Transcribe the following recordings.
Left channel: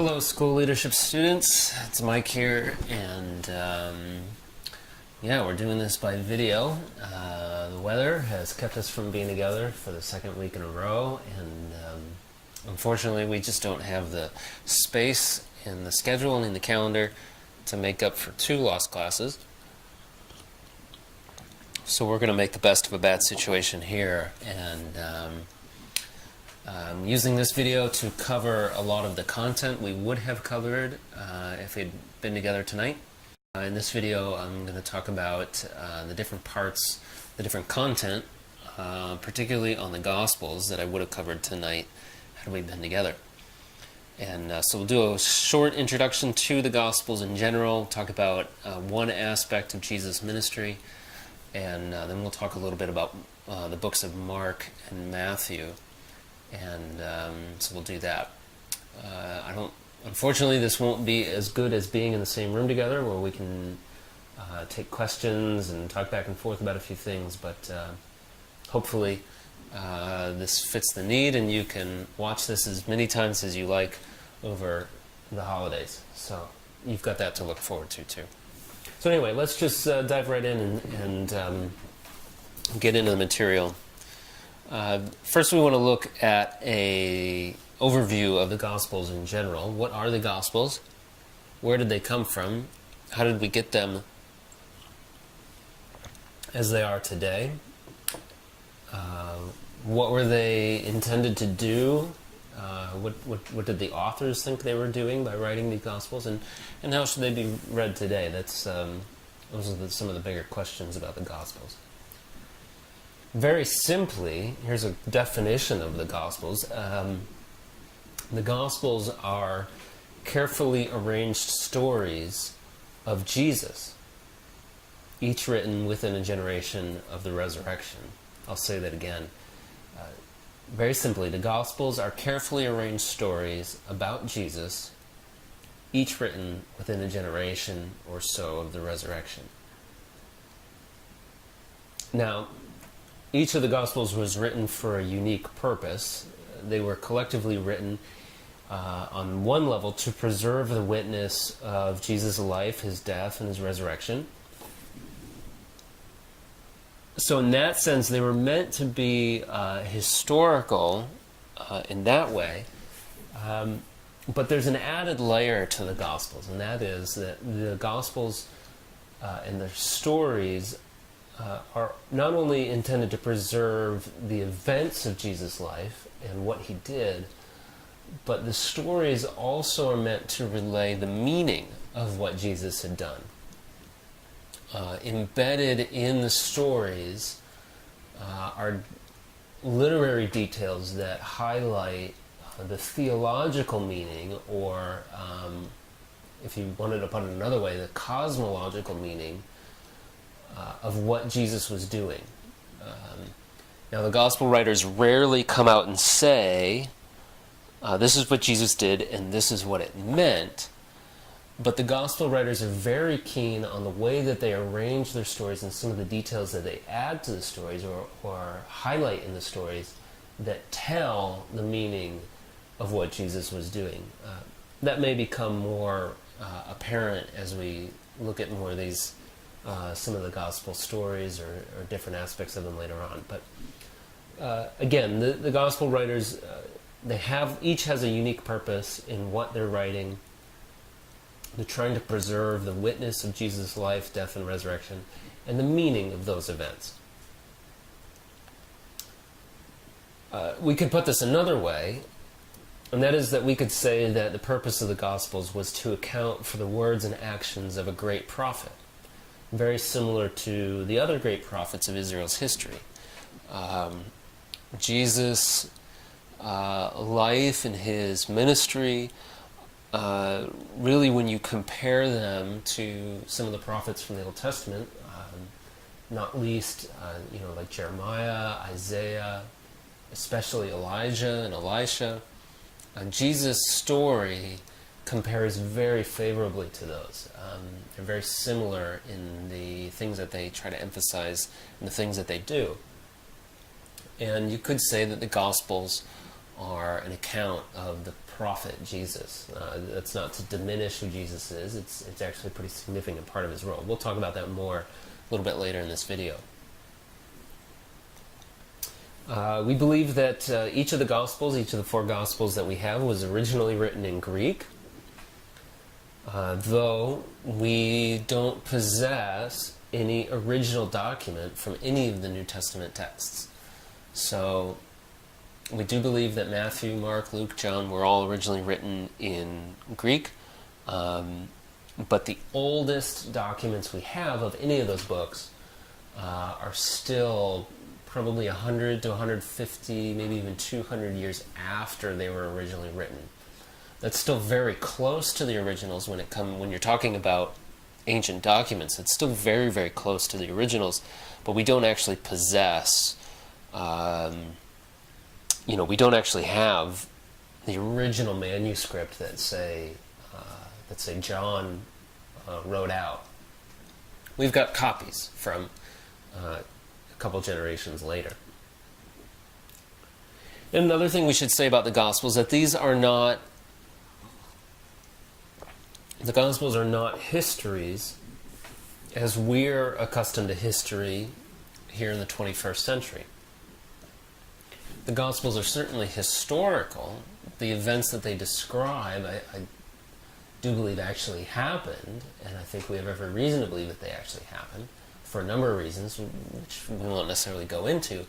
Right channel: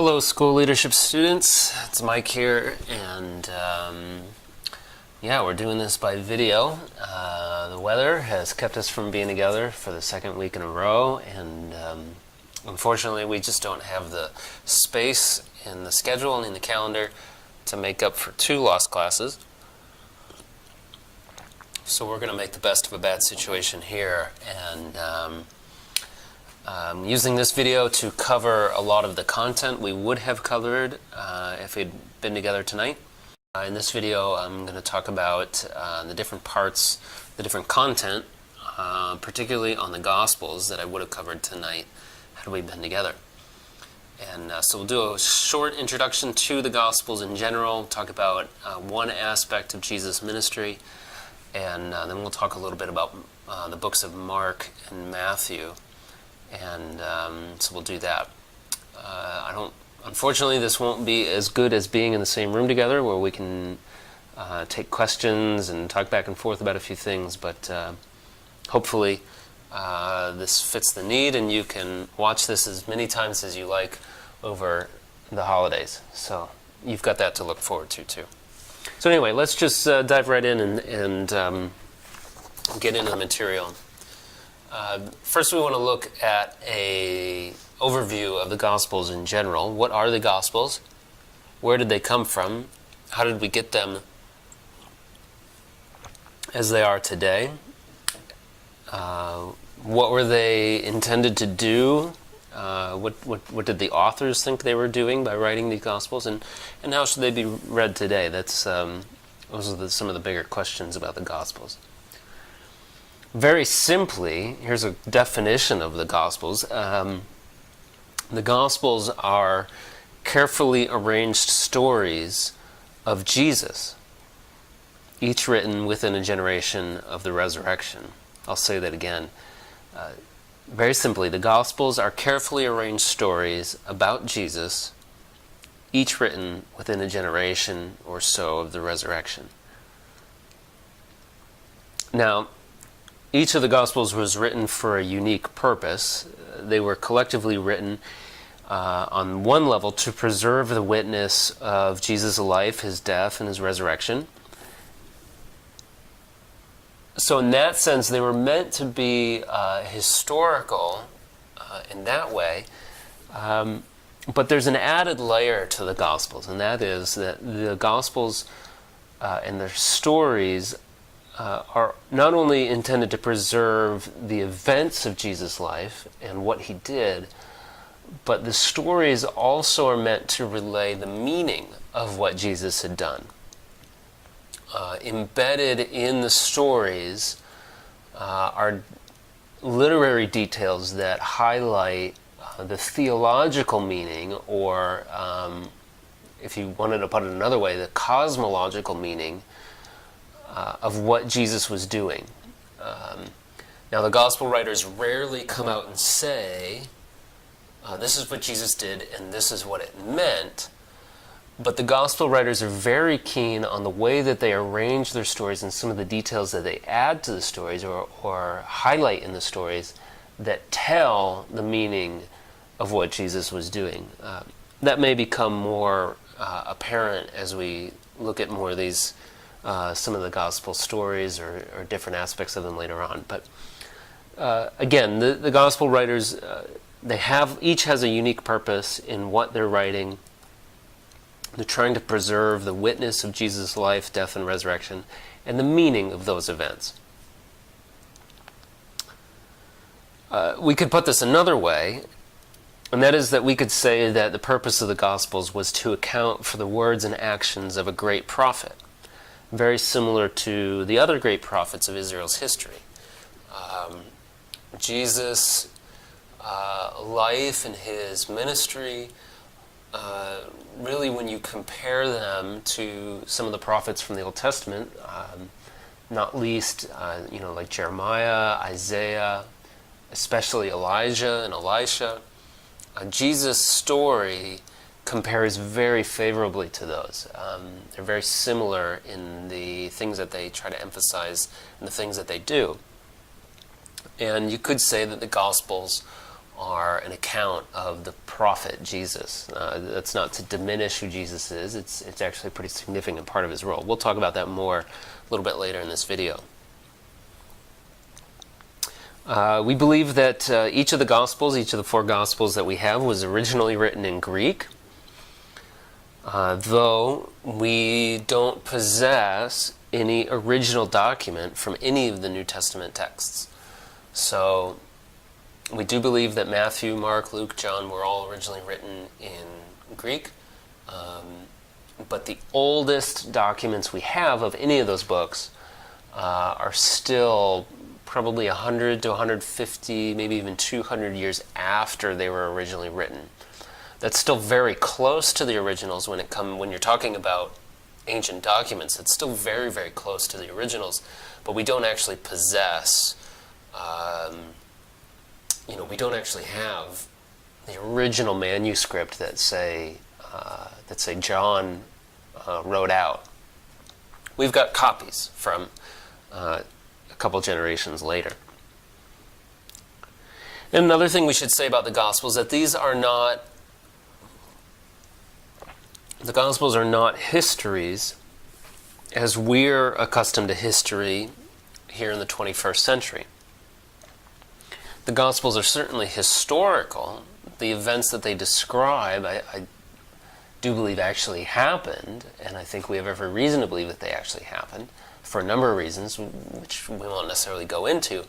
Hello, school leadership students. It's Mike here, and yeah, we're doing this by video. The weather has kept us from being together for the second week in a row, and unfortunately, we just don't have the space in the schedule and in the calendar to make up for 2 lost classes. So we're going to make the best of a bad situation here, and using this video to cover a lot of the content we would have covered if we'd been together tonight. In this video, I'm going to talk about the different parts, the different content, particularly on the Gospels that I would have covered tonight had we been together. And so we'll do a short introduction to the Gospels in general, talk about one aspect of Jesus' ministry, and then we'll talk a little bit about the books of Mark and Matthew. And so we'll do that. Unfortunately, this won't be as good as being in the same room together where we can take questions and talk back and forth about a few things, but hopefully this fits the need and you can watch this as many times as you like over the holidays. So you've got that to look forward to too. So anyway, let's just dive right in and get into the material. First, we want to look at an overview of the Gospels in general. What are the Gospels? Where did they come from? How did we get them as they are today? What were they intended to do? What did the authors think they were doing by writing these Gospels? And how should they be read today? Those are some of the bigger questions about the Gospels. Very simply, here's a definition of the Gospels. The Gospels are carefully arranged stories of Jesus, each written within a generation of the resurrection. I'll say that again. Very simply, the Gospels are carefully arranged stories about Jesus, each written within a generation or so of the resurrection. Now, each of the Gospels was written for a unique purpose. They were collectively written on one level to preserve the witness of Jesus' life, his death, and his resurrection. So in that sense, they were meant to be historical in that way. But there's an added layer to the Gospels, and that is that the Gospels and their stories are not only intended to preserve the events of Jesus' life and what he did, but the stories also are meant to relay the meaning of what Jesus had done. Embedded in the stories are literary details that highlight the theological meaning, or if you wanted to put it another way, the cosmological meaning of what Jesus was doing. Now, the Gospel writers rarely come out and say, this is what Jesus did and this is what it meant, but the Gospel writers are very keen on the way that they arrange their stories and some of the details that they add to the stories or highlight in the stories that tell the meaning of what Jesus was doing. That may become more apparent as we look at more of these some of the Gospel stories or different aspects of them later on. But again, the Gospel writers, each has a unique purpose in what they're writing. They're trying to preserve the witness of Jesus' life, death, and resurrection, and the meaning of those events. We could put this another way, and that is that we could say that the purpose of the Gospels was to account for the words and actions of a great prophet, very similar to the other great prophets of Israel's history. Jesus' life and his ministry, really when you compare them to some of the prophets from the Old Testament, not least like Jeremiah, Isaiah, especially Elijah and Elisha, Jesus' story compares very favorably to those. They're very similar in the things that they try to emphasize and the things that they do. And you could say that the Gospels are an account of the prophet Jesus. That's not to diminish who Jesus is. It's actually a pretty significant part of his role. We'll talk about that more a little bit later in this video. We believe that each of the Gospels, each of the 4 Gospels that we have, was originally written in Greek, though we don't possess any original document from any of the New Testament texts. So we do believe that Matthew, Mark, Luke, John were all originally written in Greek, but the oldest documents we have of any of those books are still probably 100 to 150, maybe even 200 years after they were originally written. That's still very close to the originals when you're talking about ancient documents. It's still very, very close to the originals, but we don't actually possess, we don't actually have the original manuscript that say John wrote out. We've got copies from a couple generations later. And another thing we should say about the Gospels is that the Gospels are not histories as we're accustomed to history here in the 21st century. The Gospels are certainly historical. The events that they describe, I do believe actually happened, and I think we have every reason to believe that they actually happened, for a number of reasons, which we won't necessarily go into.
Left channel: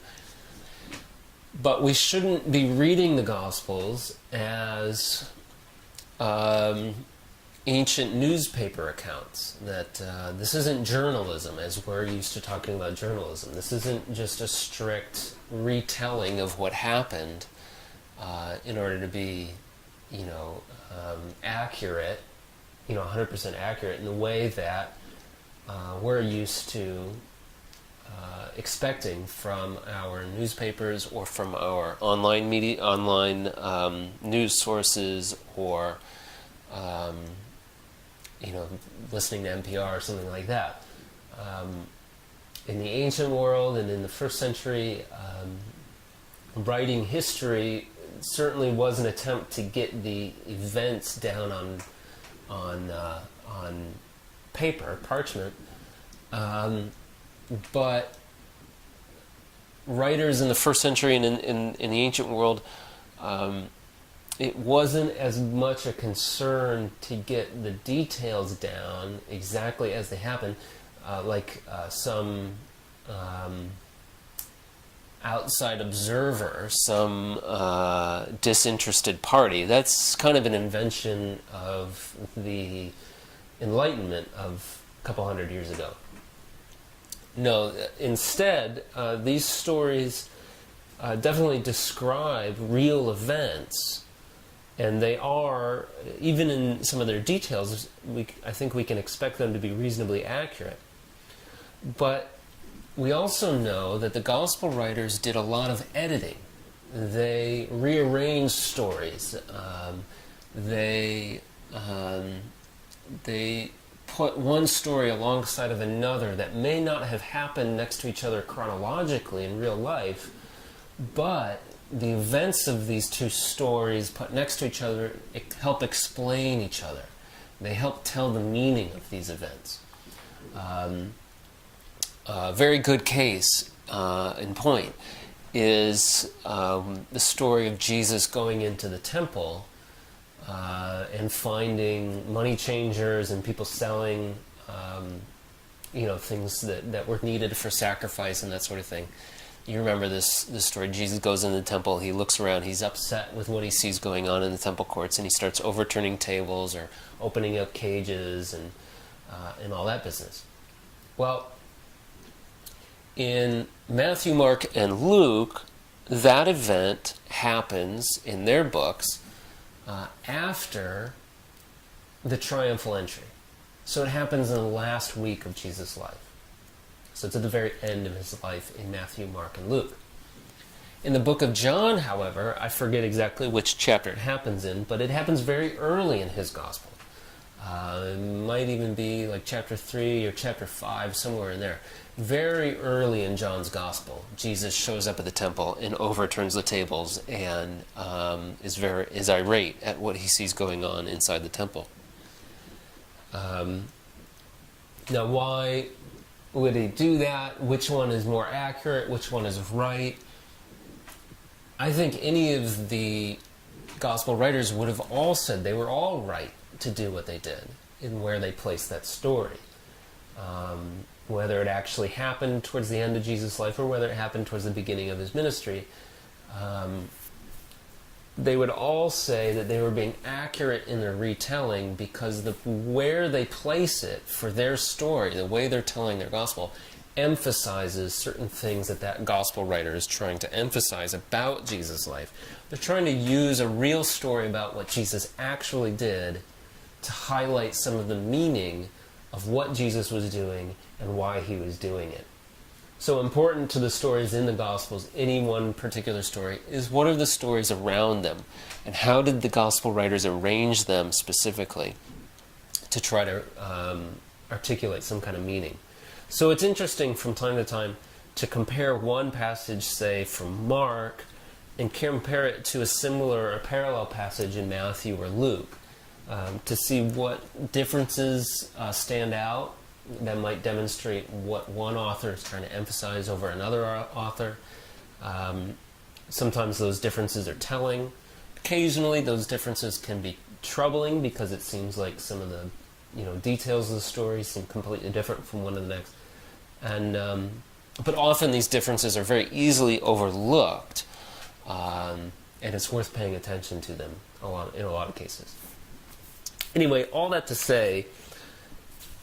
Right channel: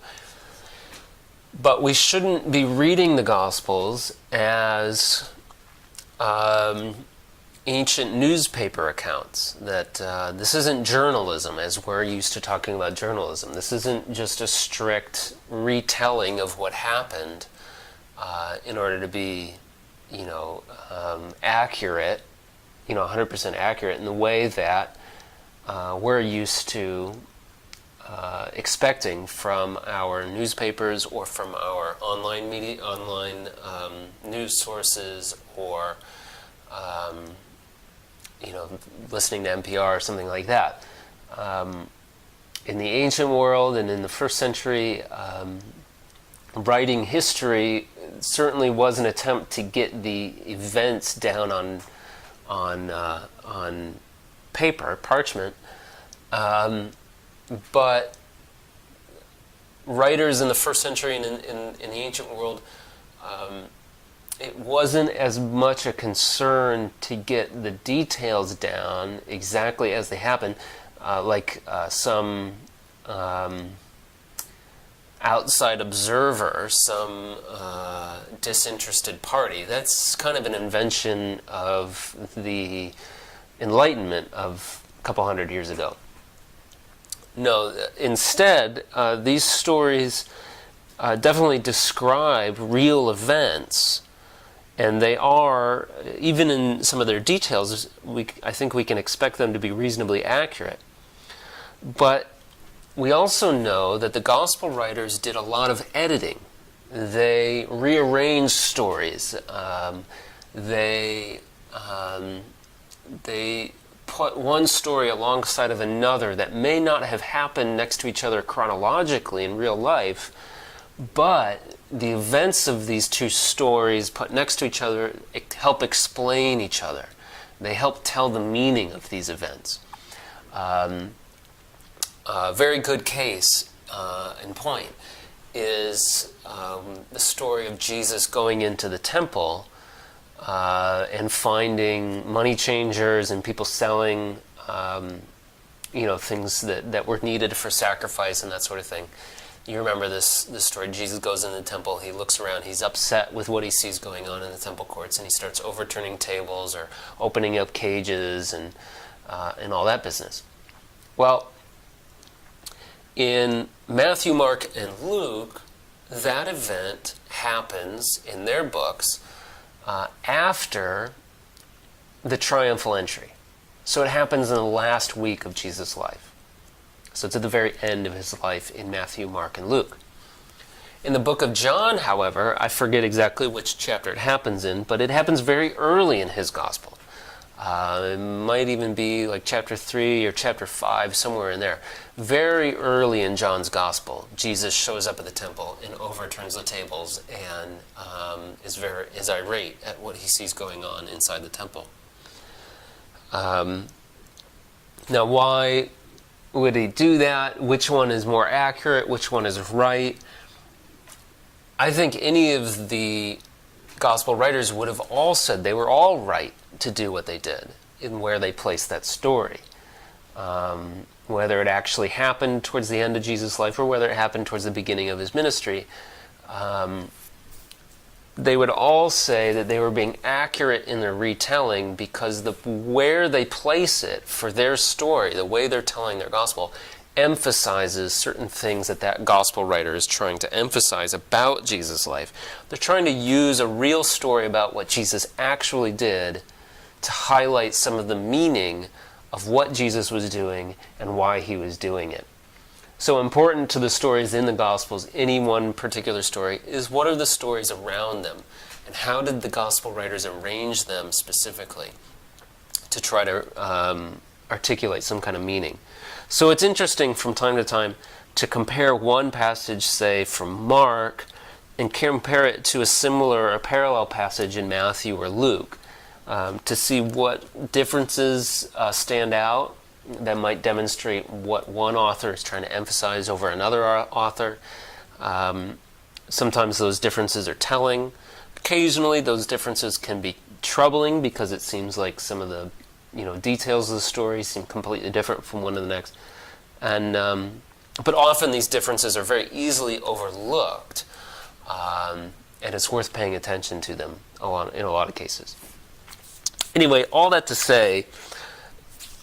But we shouldn't be reading the Gospels as ancient newspaper accounts. That this isn't journalism as we're used to talking about journalism. This isn't just a strict retelling of what happened in order to be, accurate, 100% accurate in the way that we're used to expecting from our newspapers or from our online media, news sources, or listening to NPR or something like that. In the ancient world and in the first century, writing history certainly was an attempt to get the events down on paper, parchment, but writers in the first century and in the ancient world, it wasn't as much a concern to get the details down exactly as they happen, like some outside observer, some disinterested party. That's kind of an invention of the Enlightenment of a couple hundred years ago. No, instead, these stories definitely describe real events, and they are, even in some of their details, I think we can expect them to be reasonably accurate. But we also know that the gospel writers did a lot of editing. They rearranged stories. They put one story alongside of another that may not have happened next to each other chronologically in real life, but the events of these two stories put next to each other help explain each other. They help tell the meaning of these events. A very good case in point is the story of Jesus going into the temple and finding money changers and people selling things that were needed for sacrifice and that sort of thing. You remember this story. Jesus goes in the temple, he looks around, he's upset with what he sees going on in the temple courts, and he starts overturning tables or opening up cages and all that business. Well, in Matthew, Mark, and Luke, that event happens in their books after the triumphal entry. So it happens in the last week of Jesus' life. So it's at the very end of his life in Matthew, Mark, and Luke. In the book of John, however, I forget exactly which chapter it happens in, but it happens very early in his gospel. It might even be like chapter 3 or chapter 5, somewhere in there. Very early in John's Gospel, Jesus shows up at the temple and overturns the tables and is irate at what he sees going on inside the temple. Now, why would he do that? Which one is more accurate? Which one is right? I think any of the Gospel writers would have all said they were all right to do what they did in where they placed that story. Whether it actually happened towards the end of Jesus' life or whether it happened towards the beginning of his ministry, they would all say that they were being accurate in their retelling because where they place it for their story, the way they're telling their gospel, emphasizes certain things that gospel writer is trying to emphasize about Jesus' life. They're trying to use a real story about what Jesus actually did to highlight some of the meaning of what Jesus was doing and why he was doing it. So important to the stories in the Gospels, any one particular story, is what are the stories around them, and how did the Gospel writers arrange them specifically to try to articulate some kind of meaning. So it's interesting from time to time to compare one passage, say, from Mark, and compare it to a similar or parallel passage in Matthew or Luke, to see what differences stand out that might demonstrate what one author is trying to emphasize over another author. Sometimes those differences are telling. Occasionally those differences can be troubling because it seems like some of the details of the story seem completely different from one to the next. And but often these differences are very easily overlooked, and it's worth paying attention to them in a lot of cases. Anyway, all that to say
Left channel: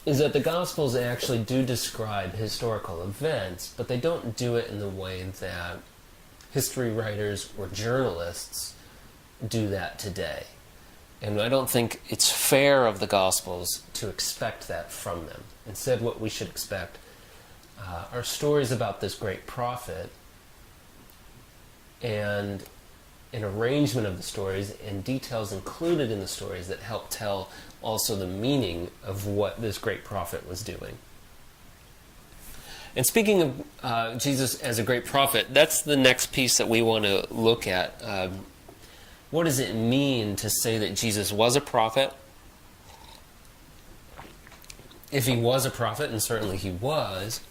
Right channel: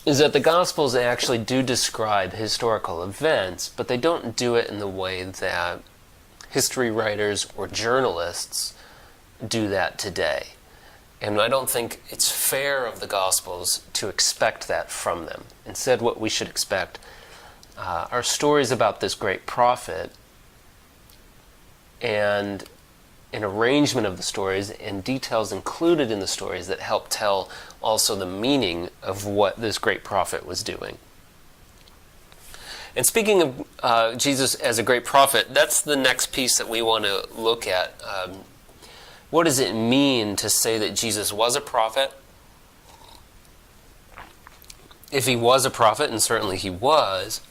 is that the Gospels actually do describe historical events, but they don't do it in the way that history writers or journalists do that today. And I don't think it's fair of the Gospels to expect that from them. Instead, what we should expect are stories about this great prophet and an arrangement of the stories and details included in the stories that help tell also the meaning of what this great prophet was doing. And speaking of Jesus as a great prophet, that's the next piece that we want to look at. What does it mean to say that Jesus was a prophet? If he was a prophet, and certainly he was,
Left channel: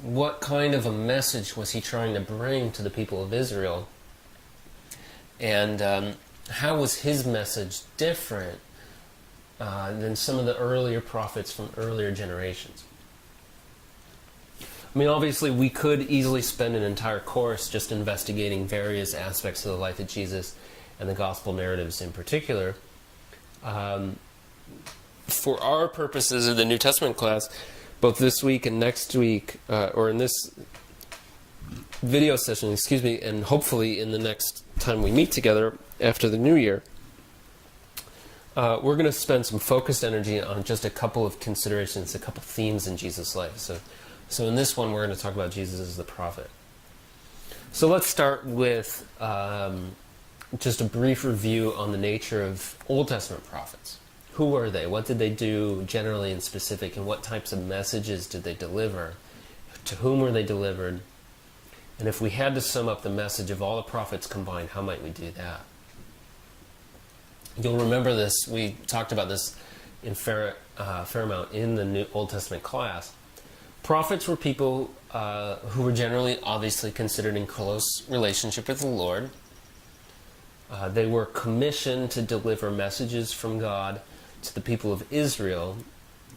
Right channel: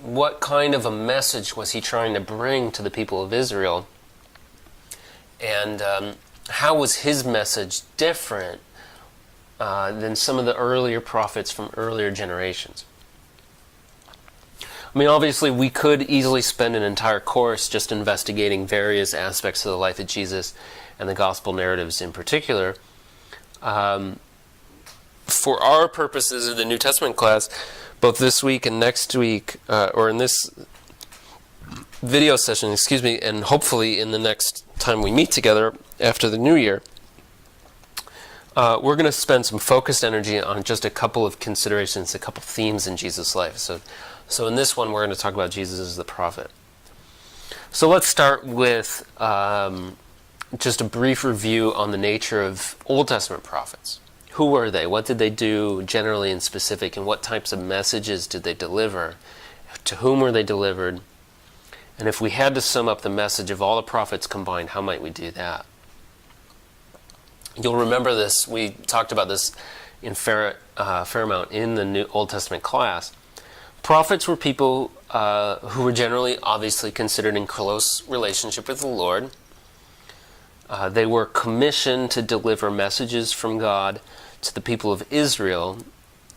what kind of a message was he trying to bring to the people of Israel? And how was his message different than some of the earlier prophets from earlier generations? I mean, obviously, we could easily spend an entire course just investigating various aspects of the life of Jesus and the gospel narratives in particular. For our purposes of the New Testament class, both this week and next week, or in this video session, and hopefully in the next time we meet together after the new year, we're going to spend some focused energy on just a couple of considerations, a couple themes in Jesus' life. So in this one, we're going to talk about Jesus as the prophet. So let's start with just a brief review on the nature of Old Testament prophets. Who were they? What did they do generally and specific? And what types of messages did they deliver? To whom were they delivered? And if we had to sum up the message of all the prophets combined, how might we do that? You'll remember this. We talked about this in fair amount in the New Old Testament class. Prophets were people who were generally, obviously, considered in close relationship with the Lord. They were commissioned to deliver messages from God to the people of Israel,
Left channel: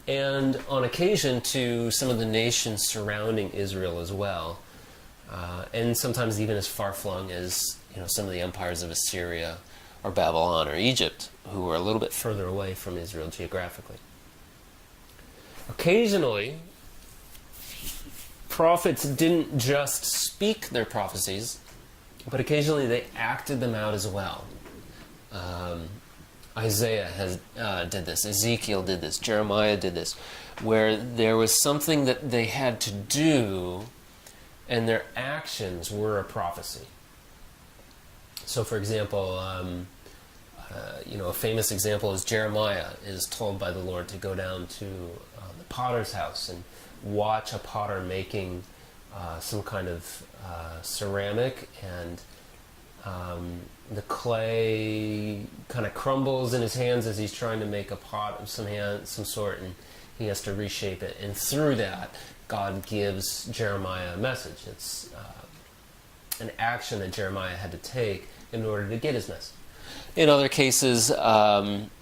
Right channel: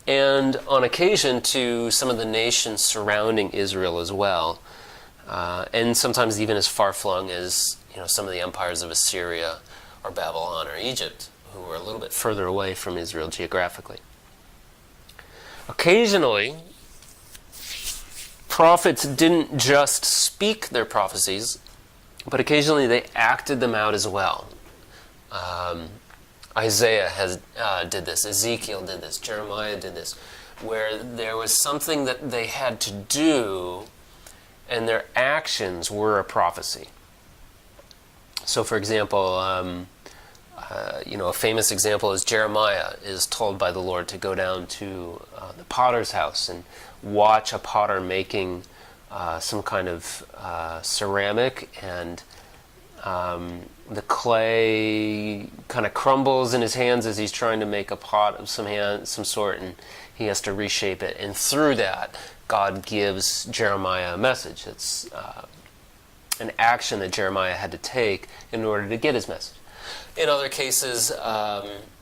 and on occasion to some of the nations surrounding Israel as well, and sometimes even as far-flung as some of the empires of Assyria or Babylon or Egypt, who were a little bit further away from Israel geographically. Occasionally, prophets didn't just speak their prophecies, but occasionally they acted them out as well. Isaiah did this, Ezekiel did this, Jeremiah did this, where there was something that they had to do, and their actions were a prophecy. So, for example, a famous example is Jeremiah is told by the Lord to go down to the potter's house and watch a potter making some kind of ceramic, and the clay kind of crumbles in his hands as he's trying to make a pot of some sort, and he has to reshape it. And through that, God gives Jeremiah a message. It's an action that Jeremiah had to take in order to get his message. In other cases, Ezekiel,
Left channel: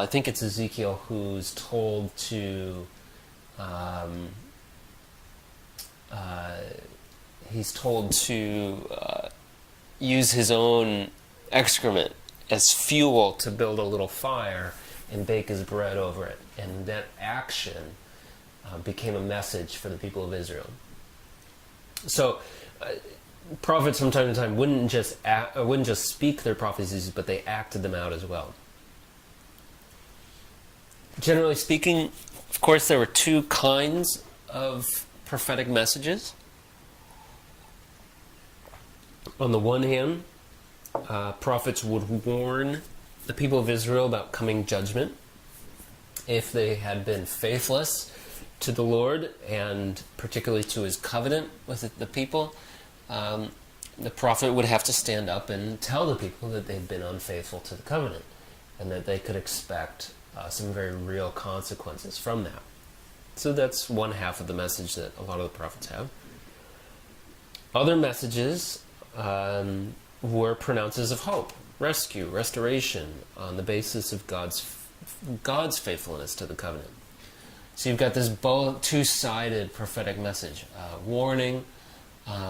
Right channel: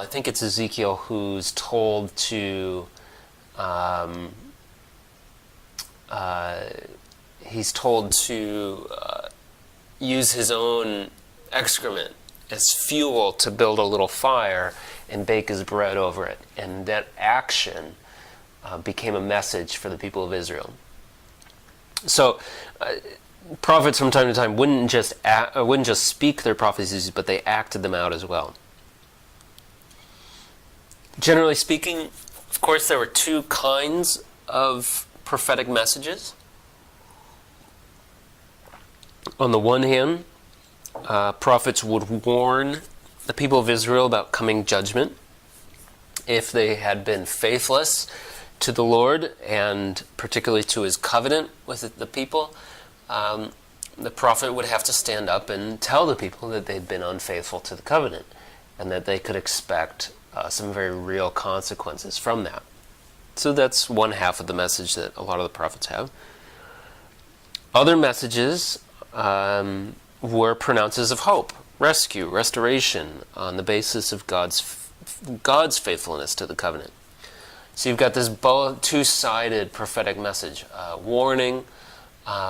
I think it's Ezekiel who's told to, use his own excrement as fuel to build a little fire and bake his bread over it. And that action became a message for the people of Israel. So, prophets from time to time wouldn't just speak their prophecies, but they acted them out as well. Generally speaking, of course, there were two kinds of prophetic messages. On the one hand, prophets would warn the people of Israel about coming judgment if they had been faithless to the Lord, and particularly to his covenant with the people. The prophet would have to stand up and tell the people that they'd been unfaithful to the covenant, and that they could expect some very real consequences from that. So that's one half of the message that a lot of the prophets have. Other messages were pronouncers of hope, rescue, restoration, on the basis of God's faithfulness to the covenant. So you've got this two-sided prophetic message, warning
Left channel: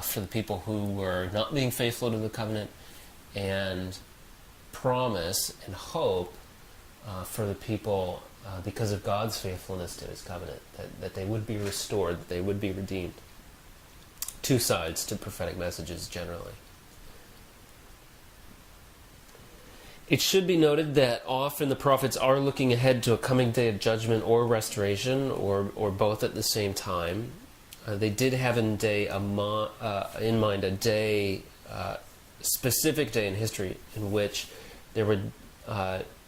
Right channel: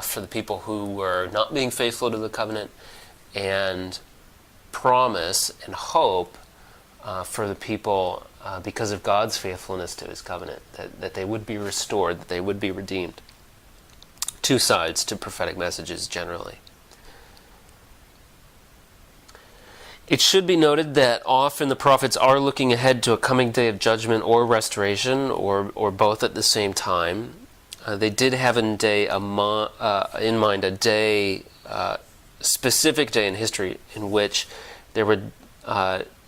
for the people who were not being faithful to the covenant, and promise and hope for the people because of God's faithfulness to his covenant, that they would be restored, that they would be redeemed. Two sides to prophetic messages generally. It should be noted that often the prophets are looking ahead to a coming day of judgment or restoration, or both at the same time. They did have in mind a specific day in history in which there would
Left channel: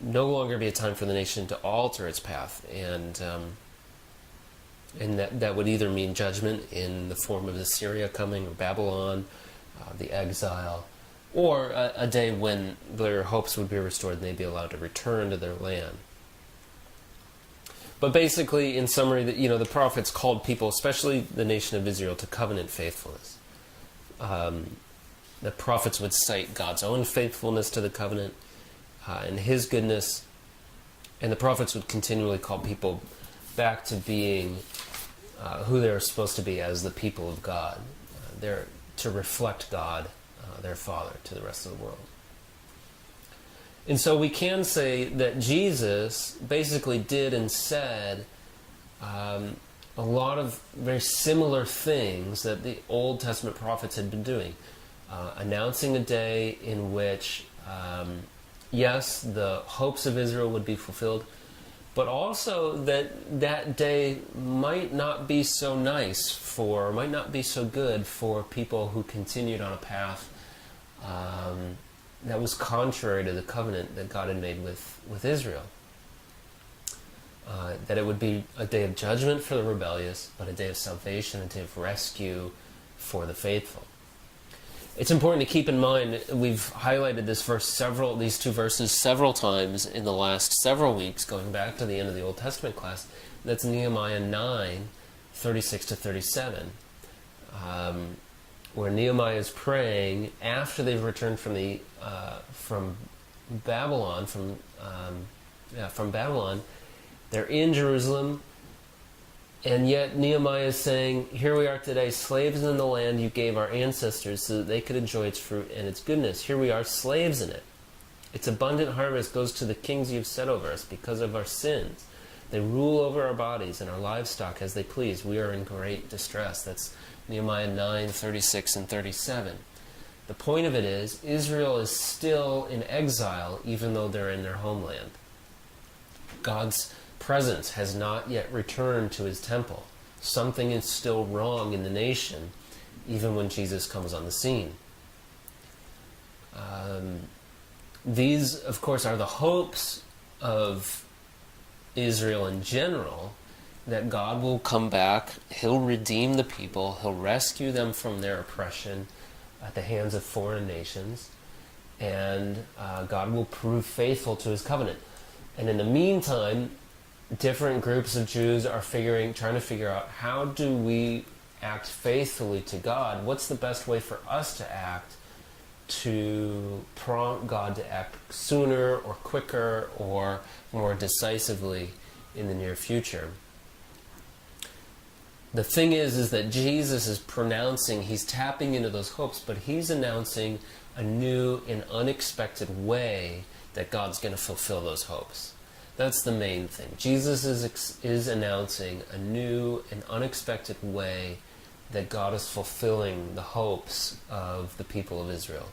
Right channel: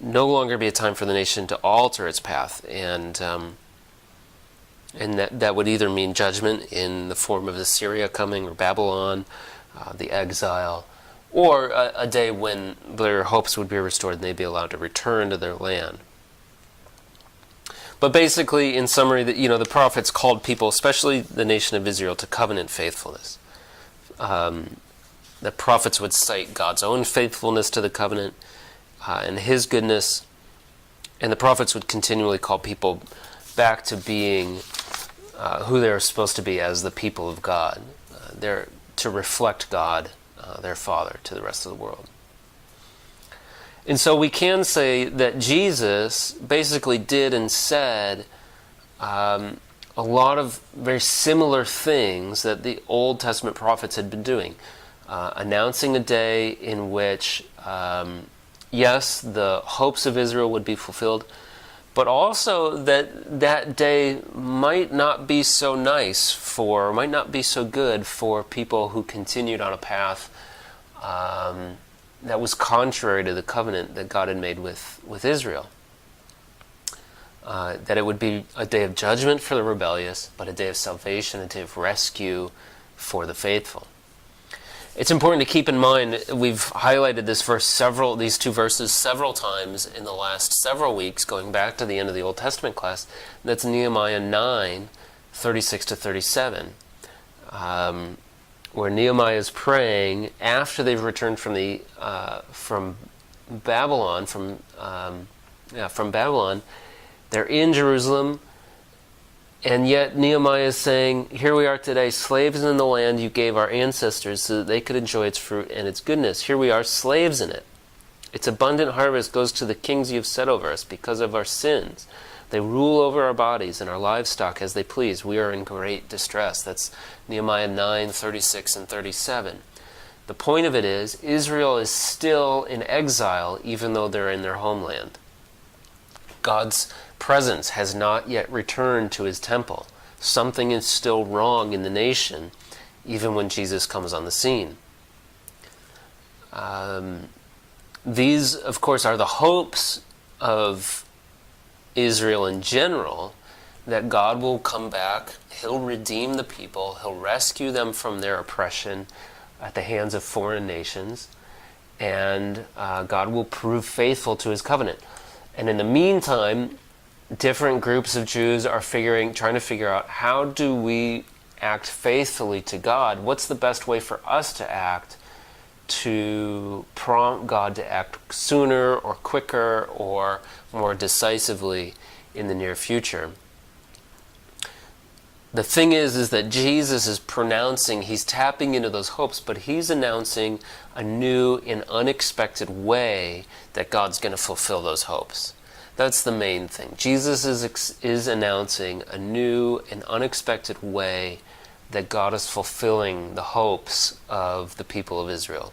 no longer be a time for the nation to alter its path, and that would either mean judgment in the form of Assyria coming, or Babylon, the exile, or a day when their hopes would be restored and they'd be allowed to return to their land. But basically, in summary, the prophets called people, especially the nation of Israel, to covenant faithfulness. The prophets would cite God's own faithfulness to the covenant and his goodness, and the prophets would continually call people back to being who they're supposed to be as the people of God. They're to reflect God, their Father, to the rest of the world. And so we can say that Jesus basically did and said a lot of very similar things that the Old Testament prophets had been doing, announcing a day in which, yes, the hopes of Israel would be fulfilled, but also that day might not be so nice might not be so good for people who continued on a path that was contrary to the covenant that God had made with Israel. That it would be a day of judgment for the rebellious, but a day of salvation, a day of rescue for the faithful. It's important to keep in mind, we've highlighted these two verses several times in the last several weeks, going back to the end of the Old Testament class. That's Nehemiah 9, 36 to 37, where Nehemiah is praying after they've returned from Babylon. From Babylon, they're in Jerusalem. And yet Nehemiah is saying, here we are today, slaves in the land you gave our ancestors so that they could enjoy its fruit and its goodness. Here we are, slaves in it. Its abundant harvest goes to the kings you have set over us because of our sins. They rule over our bodies and our livestock as they please. We are in great distress. That's Nehemiah 9, 36 and 37. The point of it is, Israel is still in exile even though they're in their homeland. God's presence has not yet returned to his temple. Something is still wrong in the nation, even when Jesus comes on the scene. these, of course, are the hopes of Israel in general, that God will come back, he'll redeem the people, he'll rescue them from their oppression at the hands of foreign nations, and God will prove faithful to his covenant. And in the meantime, different groups of Jews are trying to figure out, how do we act faithfully to God? What's the best way for us to act to prompt God to act sooner or quicker or more decisively in the near future? The thing is that Jesus is pronouncing, he's tapping into those hopes, but he's announcing a new and unexpected way that God's going to fulfill those hopes. That's the main thing. Jesus is announcing a new and unexpected way that God is fulfilling the hopes of the people of Israel.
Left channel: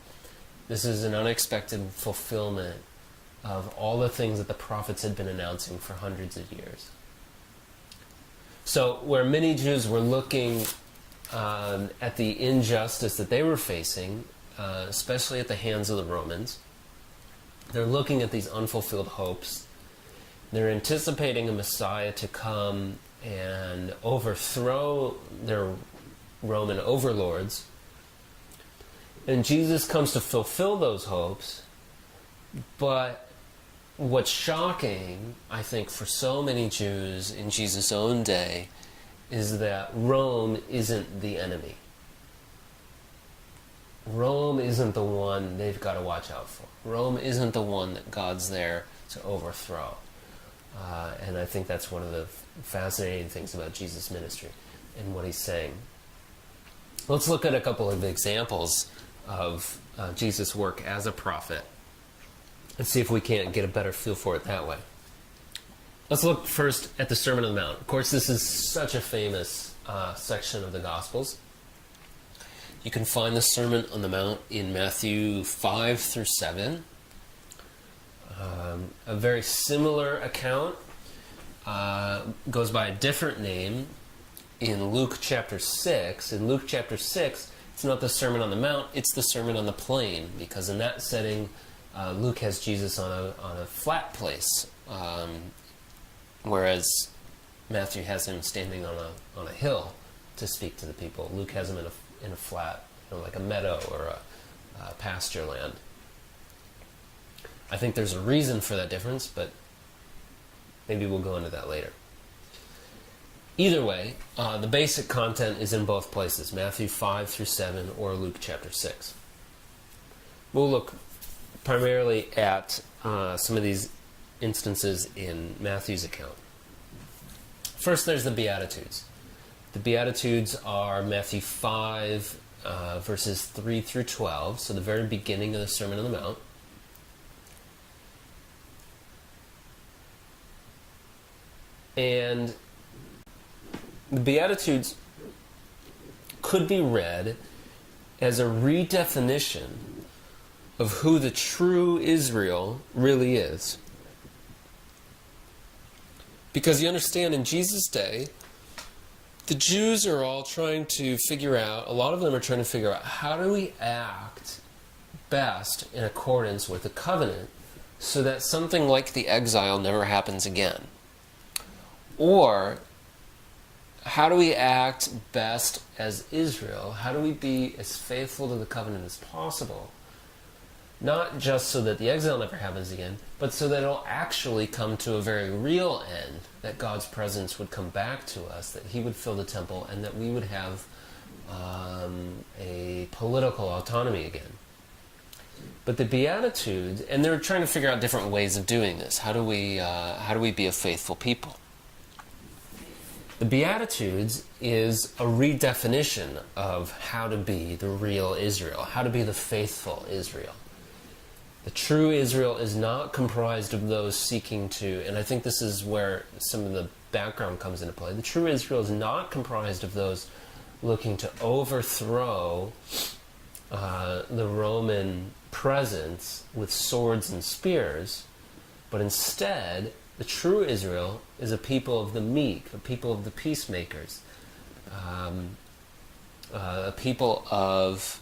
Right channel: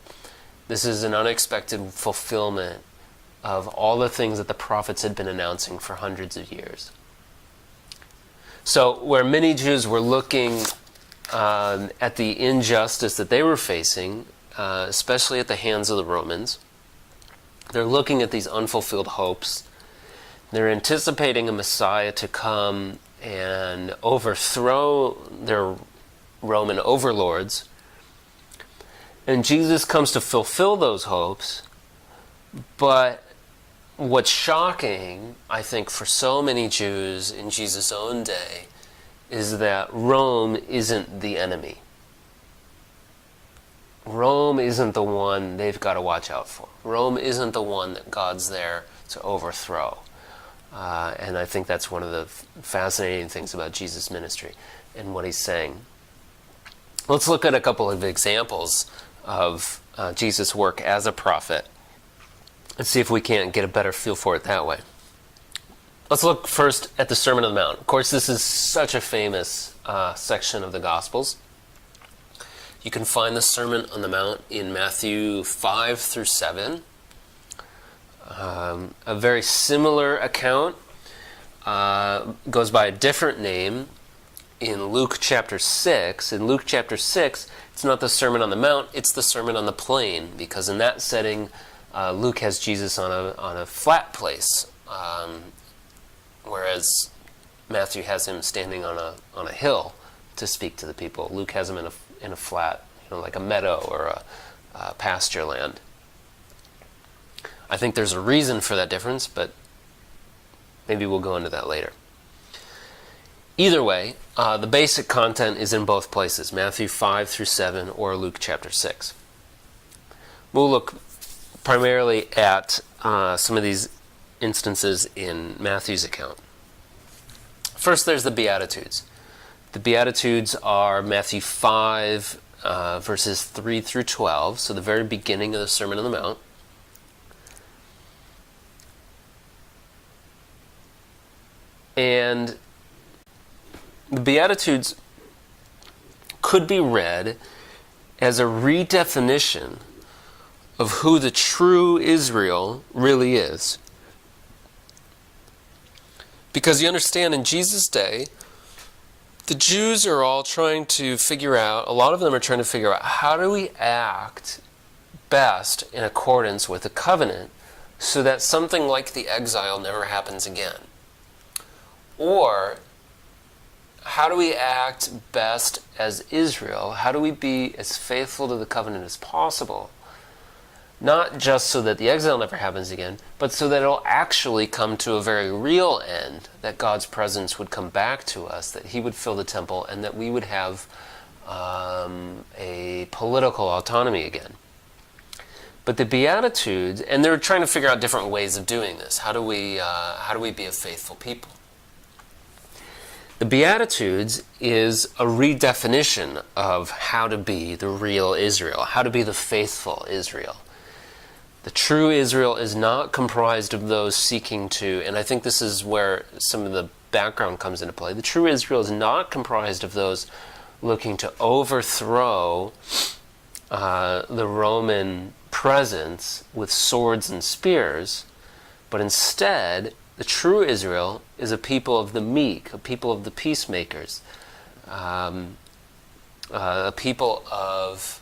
This is an unexpected fulfillment of all the things that the prophets had been announcing for hundreds of years. So where many Jews were looking at the injustice that they were facing, especially at the hands of the Romans, they're looking at these unfulfilled hopes. They're anticipating a Messiah to come and overthrow their Roman overlords. And Jesus comes to fulfill those hopes. But what's shocking, I think, for so many Jews in Jesus' own day is that Rome isn't the enemy. Rome isn't the one they've got to watch out for. Rome isn't the one that God's there to overthrow. And I think that's one of the fascinating things about Jesus' ministry and what he's saying. Let's look at a couple of examples of Jesus' work as a prophet and see if we can't get a better feel for it that way. Let's look first at the Sermon on the Mount. Of course, this is such a famous section of the Gospels. You can find the Sermon on the Mount in Matthew 5 through 7. A very similar account goes by a different name in Luke chapter 6. In Luke chapter 6, it's not the Sermon on the Mount, it's the Sermon on the Plain, because in that setting, Luke has Jesus on a flat place, whereas Matthew has him standing on a hill to speak to the people. Luke has him in a flat, like a meadow or a pasture land. I think there's a reason for that difference, but maybe we'll go into that later. Either way, the basic content is in both places, Matthew 5 through 7 or Luke chapter 6. We'll look primarily at some of these instances in Matthew's account. First, there's the Beatitudes. The Beatitudes are Matthew 5, verses 3 through 12, so the very beginning of the Sermon on the Mount. And the Beatitudes could be read as a redefinition of who the true Israel really is. Because you understand, in Jesus' day, the Jews are all trying to figure out, a lot of them are trying to figure out, how do we act best in accordance with the covenant so that something like the exile never happens again? Or, how do we act best as Israel? How do we be as faithful to the covenant as possible? Not just so that the exile never happens again, but so that it'll actually come to a very real end, that God's presence would come back to us, that he would fill the temple, and that we would have a political autonomy again. But the Beatitudes, and they're trying to figure out different ways of doing this. How do we be a faithful people? The Beatitudes is a redefinition of how to be the real Israel, how to be the faithful Israel. The true Israel is not comprised of those seeking to, and I think this is where some of the background comes into play, the true Israel is not comprised of those looking to overthrow the Roman presence with swords and spears, but instead, the true Israel is a people of the meek, a people of the peacemakers, a people of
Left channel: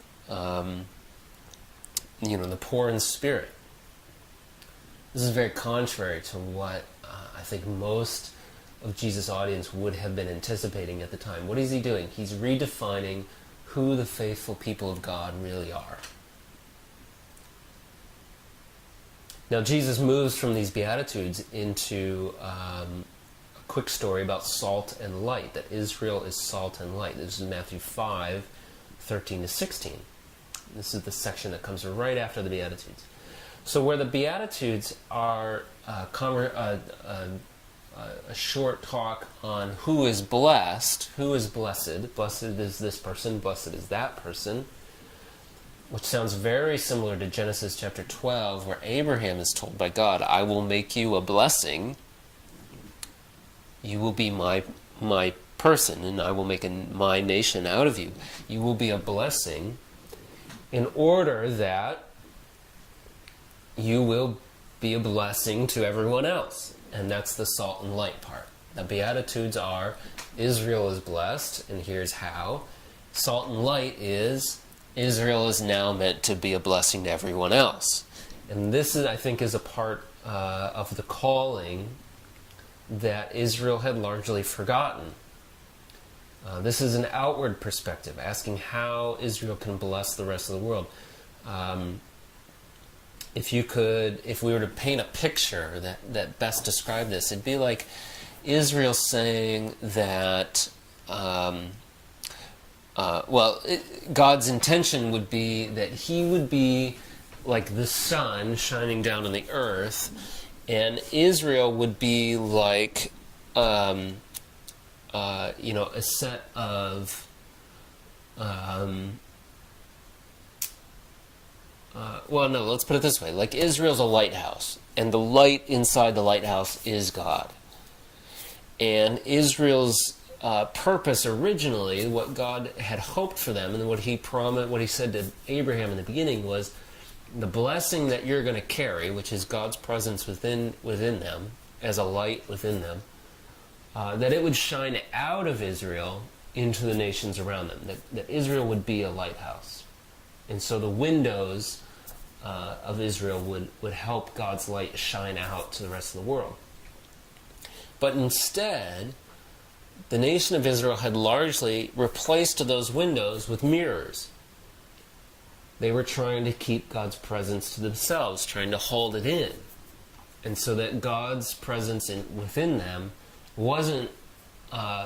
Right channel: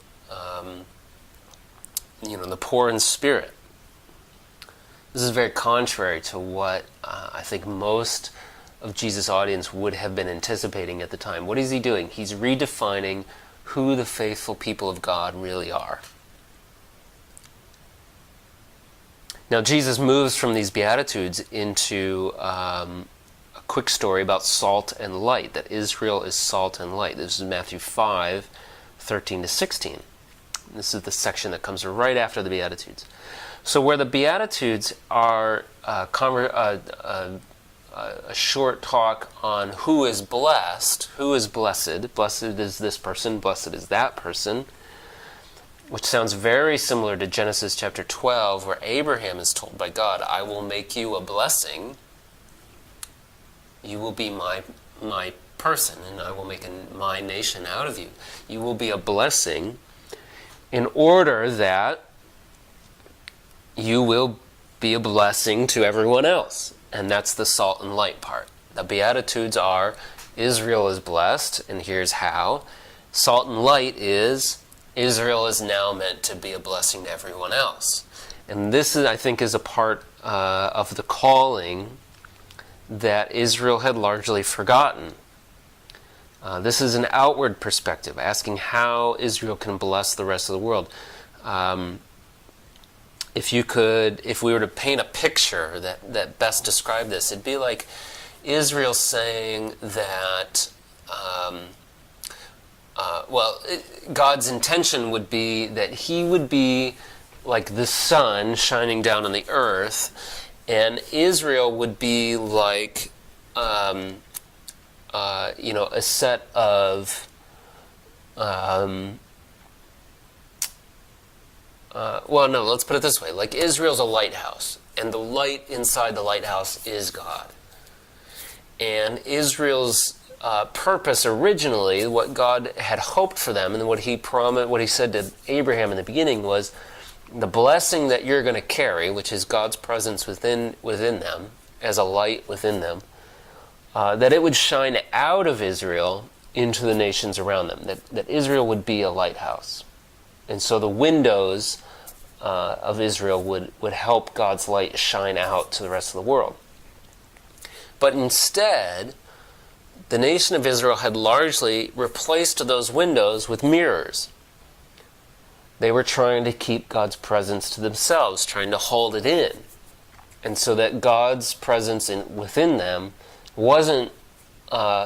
the poor in spirit. This is very contrary to what I think most of Jesus' audience would have been anticipating at the time. What is he doing? He's redefining who the faithful people of God really are. Now, Jesus moves from these Beatitudes into a quick story about salt and light, that Israel is salt and light. This is Matthew 5, 13 to 16. This is the section that comes right after the Beatitudes. So where the Beatitudes are a short talk on who is blessed, blessed is this person, blessed is that person, which sounds very similar to Genesis chapter 12, where Abraham is told by God, I will make you a blessing, you will be my person, and I will make my nation out of you. You will be a blessing in order that you will be a blessing to everyone else. And that's the salt and light part. The Beatitudes are, Israel is blessed, and here's how. Salt and light is, Israel is now meant to be a blessing to everyone else. And this, I think, is a part of the calling that Israel had largely forgotten. This is an outward perspective, asking how Israel can bless the rest of the world. If we were to paint a picture that best described this, it'd be like Israel saying that, God's intention would be that he would be like the sun shining down on the earth, and Israel would be like, a set of, let's put it this way. Like Israel's a lighthouse, and the light inside the lighthouse is God. And Israel's purpose originally, what God had hoped for them, and what he promised, what he said to Abraham in the beginning was, the blessing that you're going to carry, which is God's presence within them, as a light within them, that it would shine out of Israel into the nations around them, that Israel would be a lighthouse. And so the windows of Israel would help God's light shine out to the rest of the world. But instead, the nation of Israel had largely replaced those windows with mirrors. They were trying to keep God's presence to themselves, trying to hold it in. And so that God's presence within them wasn't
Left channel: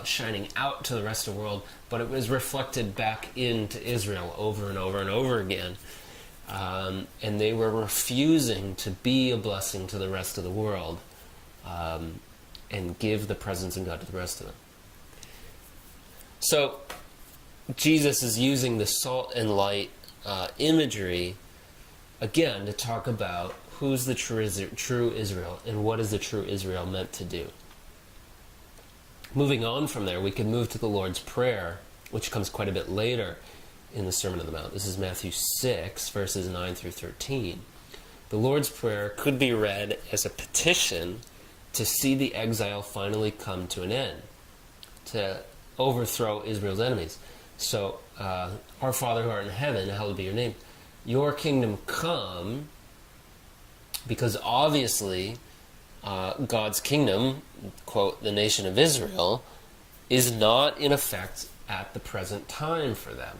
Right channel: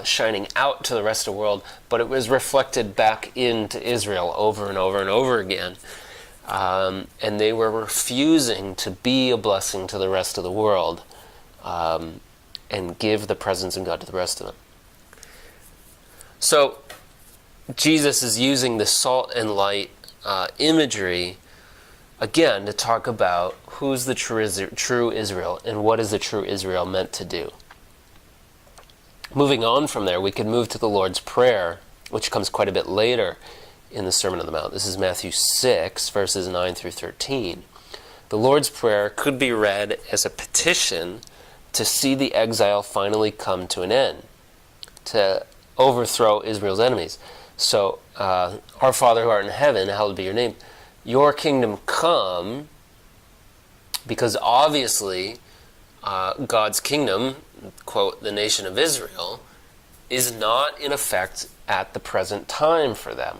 shining out to the rest of the world, but it was reflected back into Israel over and over and over again. And they were refusing to be a blessing to the rest of the world and give the presence of God to the rest of them. So Jesus is using the salt and light imagery again to talk about who's the true Israel and what is the true Israel meant to do. Moving on from there, we could move to the Lord's Prayer, which comes quite a bit later in the Sermon on the Mount. This is Matthew 6, verses 9 through 13. The Lord's Prayer could be read as a petition to see the exile finally come to an end, to overthrow Israel's enemies. So, Our Father who art in heaven, hallowed be your name. Your kingdom come, because obviously God's kingdom, quote, the nation of Israel, is not in effect at the present time for them.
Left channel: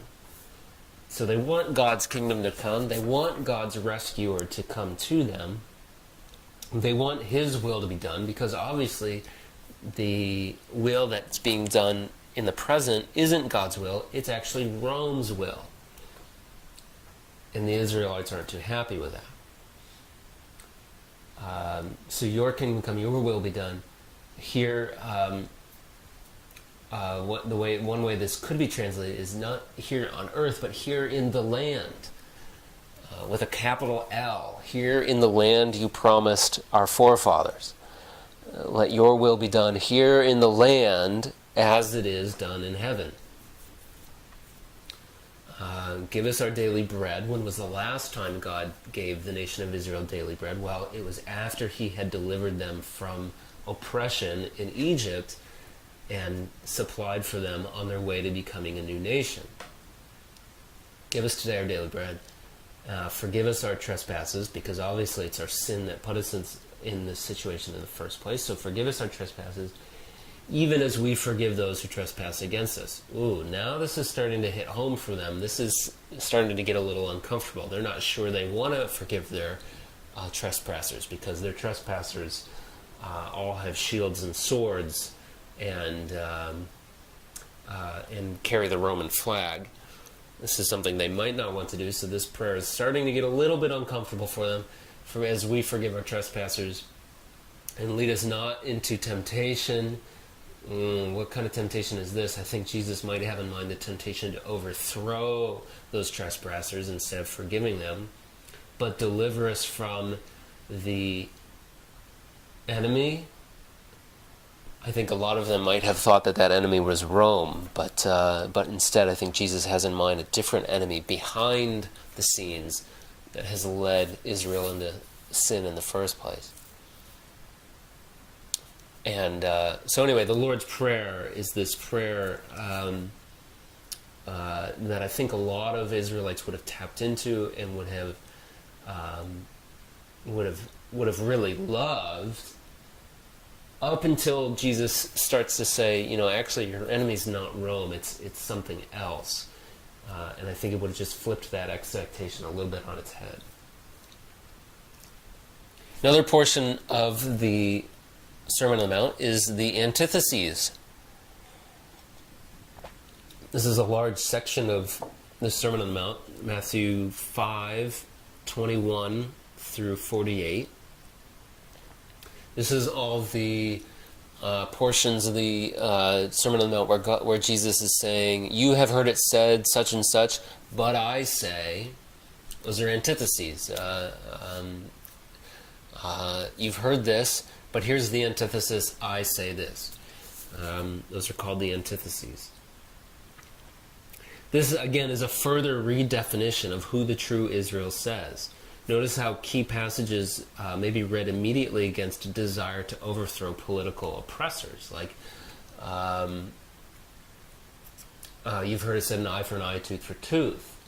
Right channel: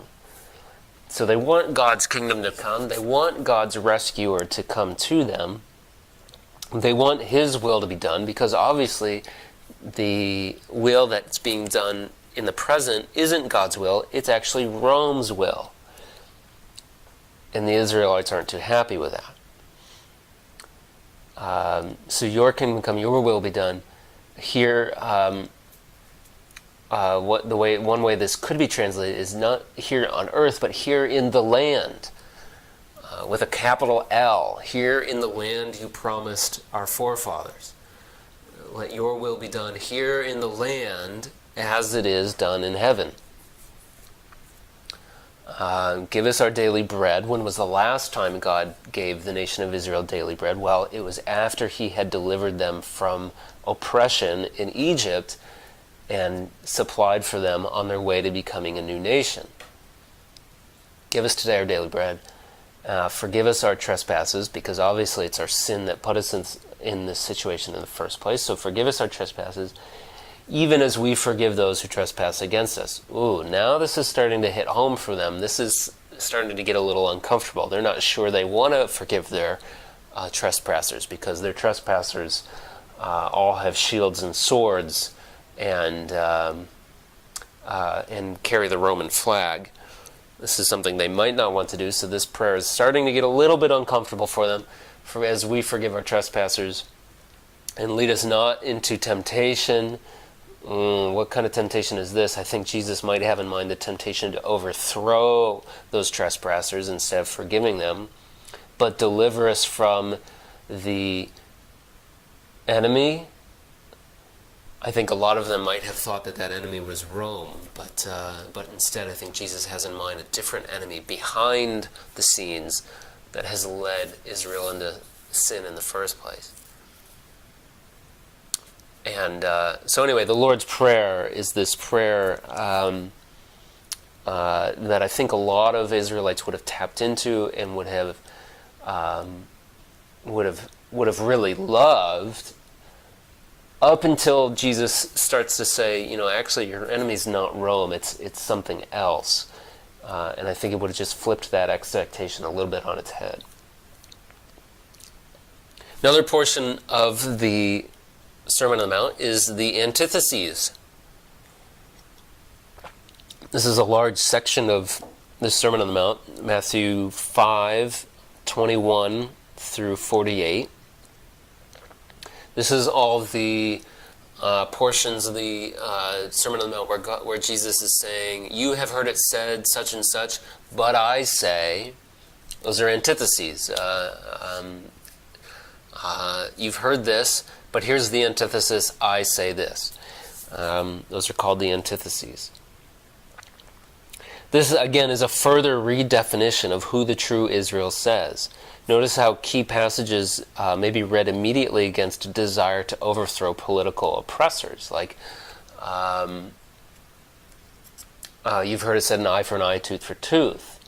So they want God's kingdom to come. They want God's rescuer to come to them. They want his will to be done, because obviously the will that's being done in the present isn't God's will. It's actually Rome's will. And the Israelites aren't too happy with that. So your kingdom come, your will be done. Here, one way this could be translated is not here on earth, but here in the land, with a capital L. Here in the land you promised our forefathers. Let your will be done here in the land as it is done in heaven. Give us our daily bread. When was the last time God gave the nation of Israel daily bread? Well, it was after he had delivered them from oppression in Egypt and supplied for them on their way to becoming a new nation. Give us today our daily bread. Forgive us our trespasses, because obviously it's our sin that put us in this situation in the first place. So forgive us our trespasses, even as we forgive those who trespass against us. Ooh, now this is starting to hit home for them. This is starting to get a little uncomfortable. They're not sure they want to forgive their trespassers, because their trespassers all have shields and swords and carry the Roman flag. This is something they might not want to do, so this prayer is starting to get a little bit uncomfortable for them, as we forgive our trespassers. And lead us not into temptation. What kind of temptation is this? I think Jesus might have in mind the temptation to overthrow those trespassers instead of forgiving them. But deliver us from the enemy. I think a lot of them might have thought that enemy was Rome, but instead I think Jesus has in mind a different enemy behind the scenes that has led Israel into sin in the first place. And so anyway, the Lord's Prayer is this prayer that I think a lot of Israelites would have tapped into and would have really loved, up until Jesus starts to say, actually your enemy's not Rome, it's something else. And I think it would have just flipped that expectation a little bit on its head. Another portion of the Sermon on the Mount is the antitheses. This is a large section of the Sermon on the Mount, Matthew 5:21 through 48. This is all the portions of the Sermon on the Mount where Jesus is saying, "You have heard it said such and such, but I say." Those are antitheses. You've heard this, but here's the antithesis, I say this. Those are called the antitheses. This, again, is a further redefinition of who the true Israel says. Notice how key passages may be read immediately against a desire to overthrow political oppressors. Like, you've heard it said, an eye for an eye, tooth for tooth.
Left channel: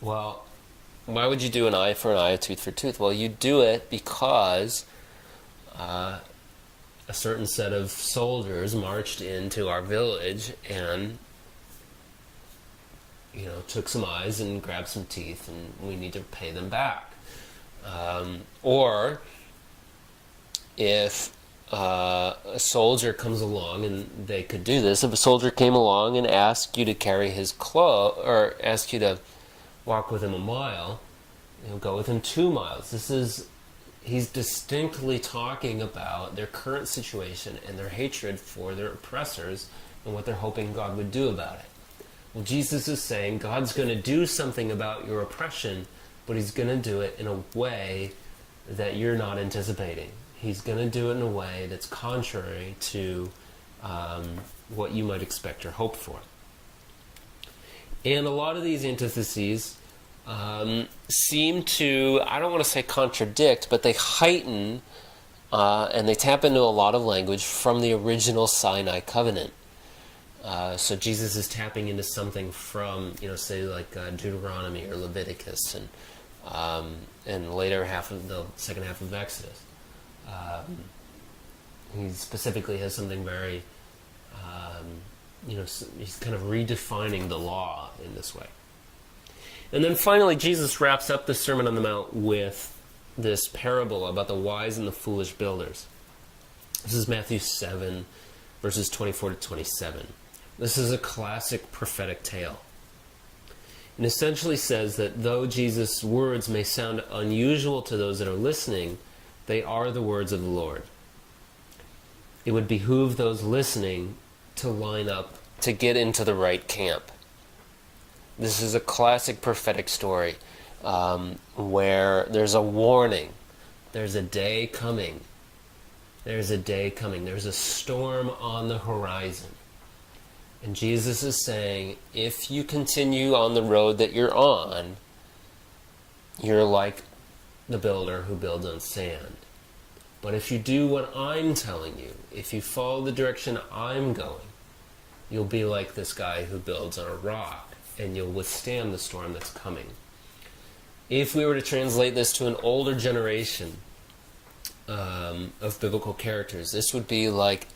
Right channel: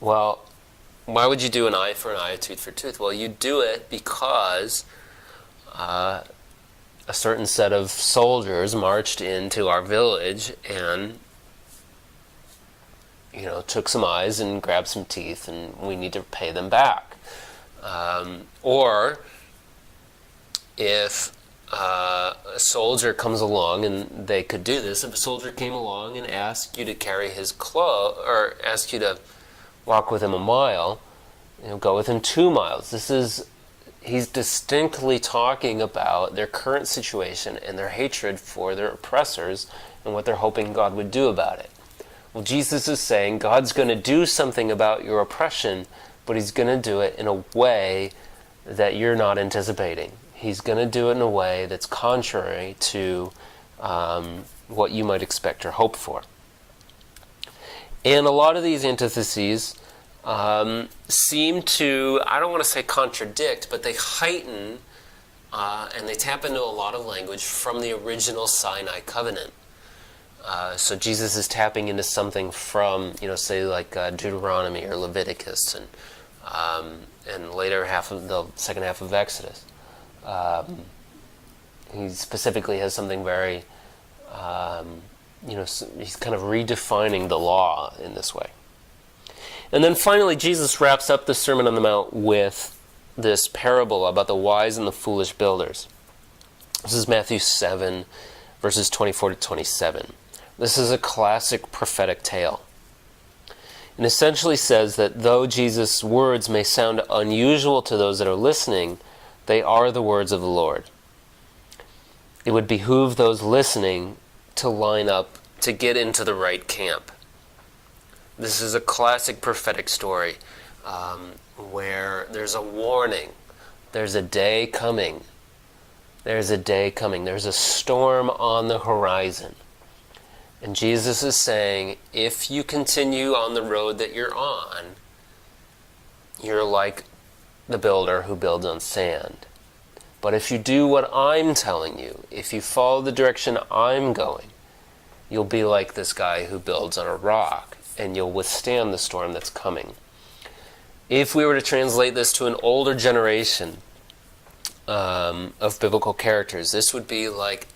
Well, why would you do an eye for an eye, a tooth for tooth? Well, you do it because a certain set of soldiers marched into our village and took some eyes and grabbed some teeth, and we need to pay them back. Or if a soldier comes along, and they could do this, if a soldier came along and asked you to carry his clothes, or asked you to walk with him a mile, go with him 2 miles. He's distinctly talking about their current situation and their hatred for their oppressors and what they're hoping God would do about it. Well, Jesus is saying God's going to do something about your oppression, but he's going to do it in a way that you're not anticipating. He's going to do it in a way that's contrary to what you might expect or hope for. And a lot of these antitheses seem to, I don't want to say contradict, but they heighten and they tap into a lot of language from the original Sinai covenant. So Jesus is tapping into something from, say like Deuteronomy or Leviticus, and later the second half of Exodus. He specifically has something very, he's kind of redefining the law in this way. And then finally, Jesus wraps up the Sermon on the Mount with this parable about the wise and the foolish builders. This is Matthew 7, verses 24 to 27. This is a classic prophetic tale. It essentially says that though Jesus' words may sound unusual to those that are listening, they are the words of the Lord. It would behoove those listening to line up, to get into the right camp. This is a classic prophetic story where there's a warning. There's a day coming. There's a day coming. There's a storm on the horizon. And Jesus is saying, if you continue on the road that you're on, you're like the builder who builds on sand. But if you do what I'm telling you, if you follow the direction I'm going, you'll be like this guy who builds on a rock, and you'll withstand the storm that's coming. If we were to translate this to an older generation of biblical characters, this would be like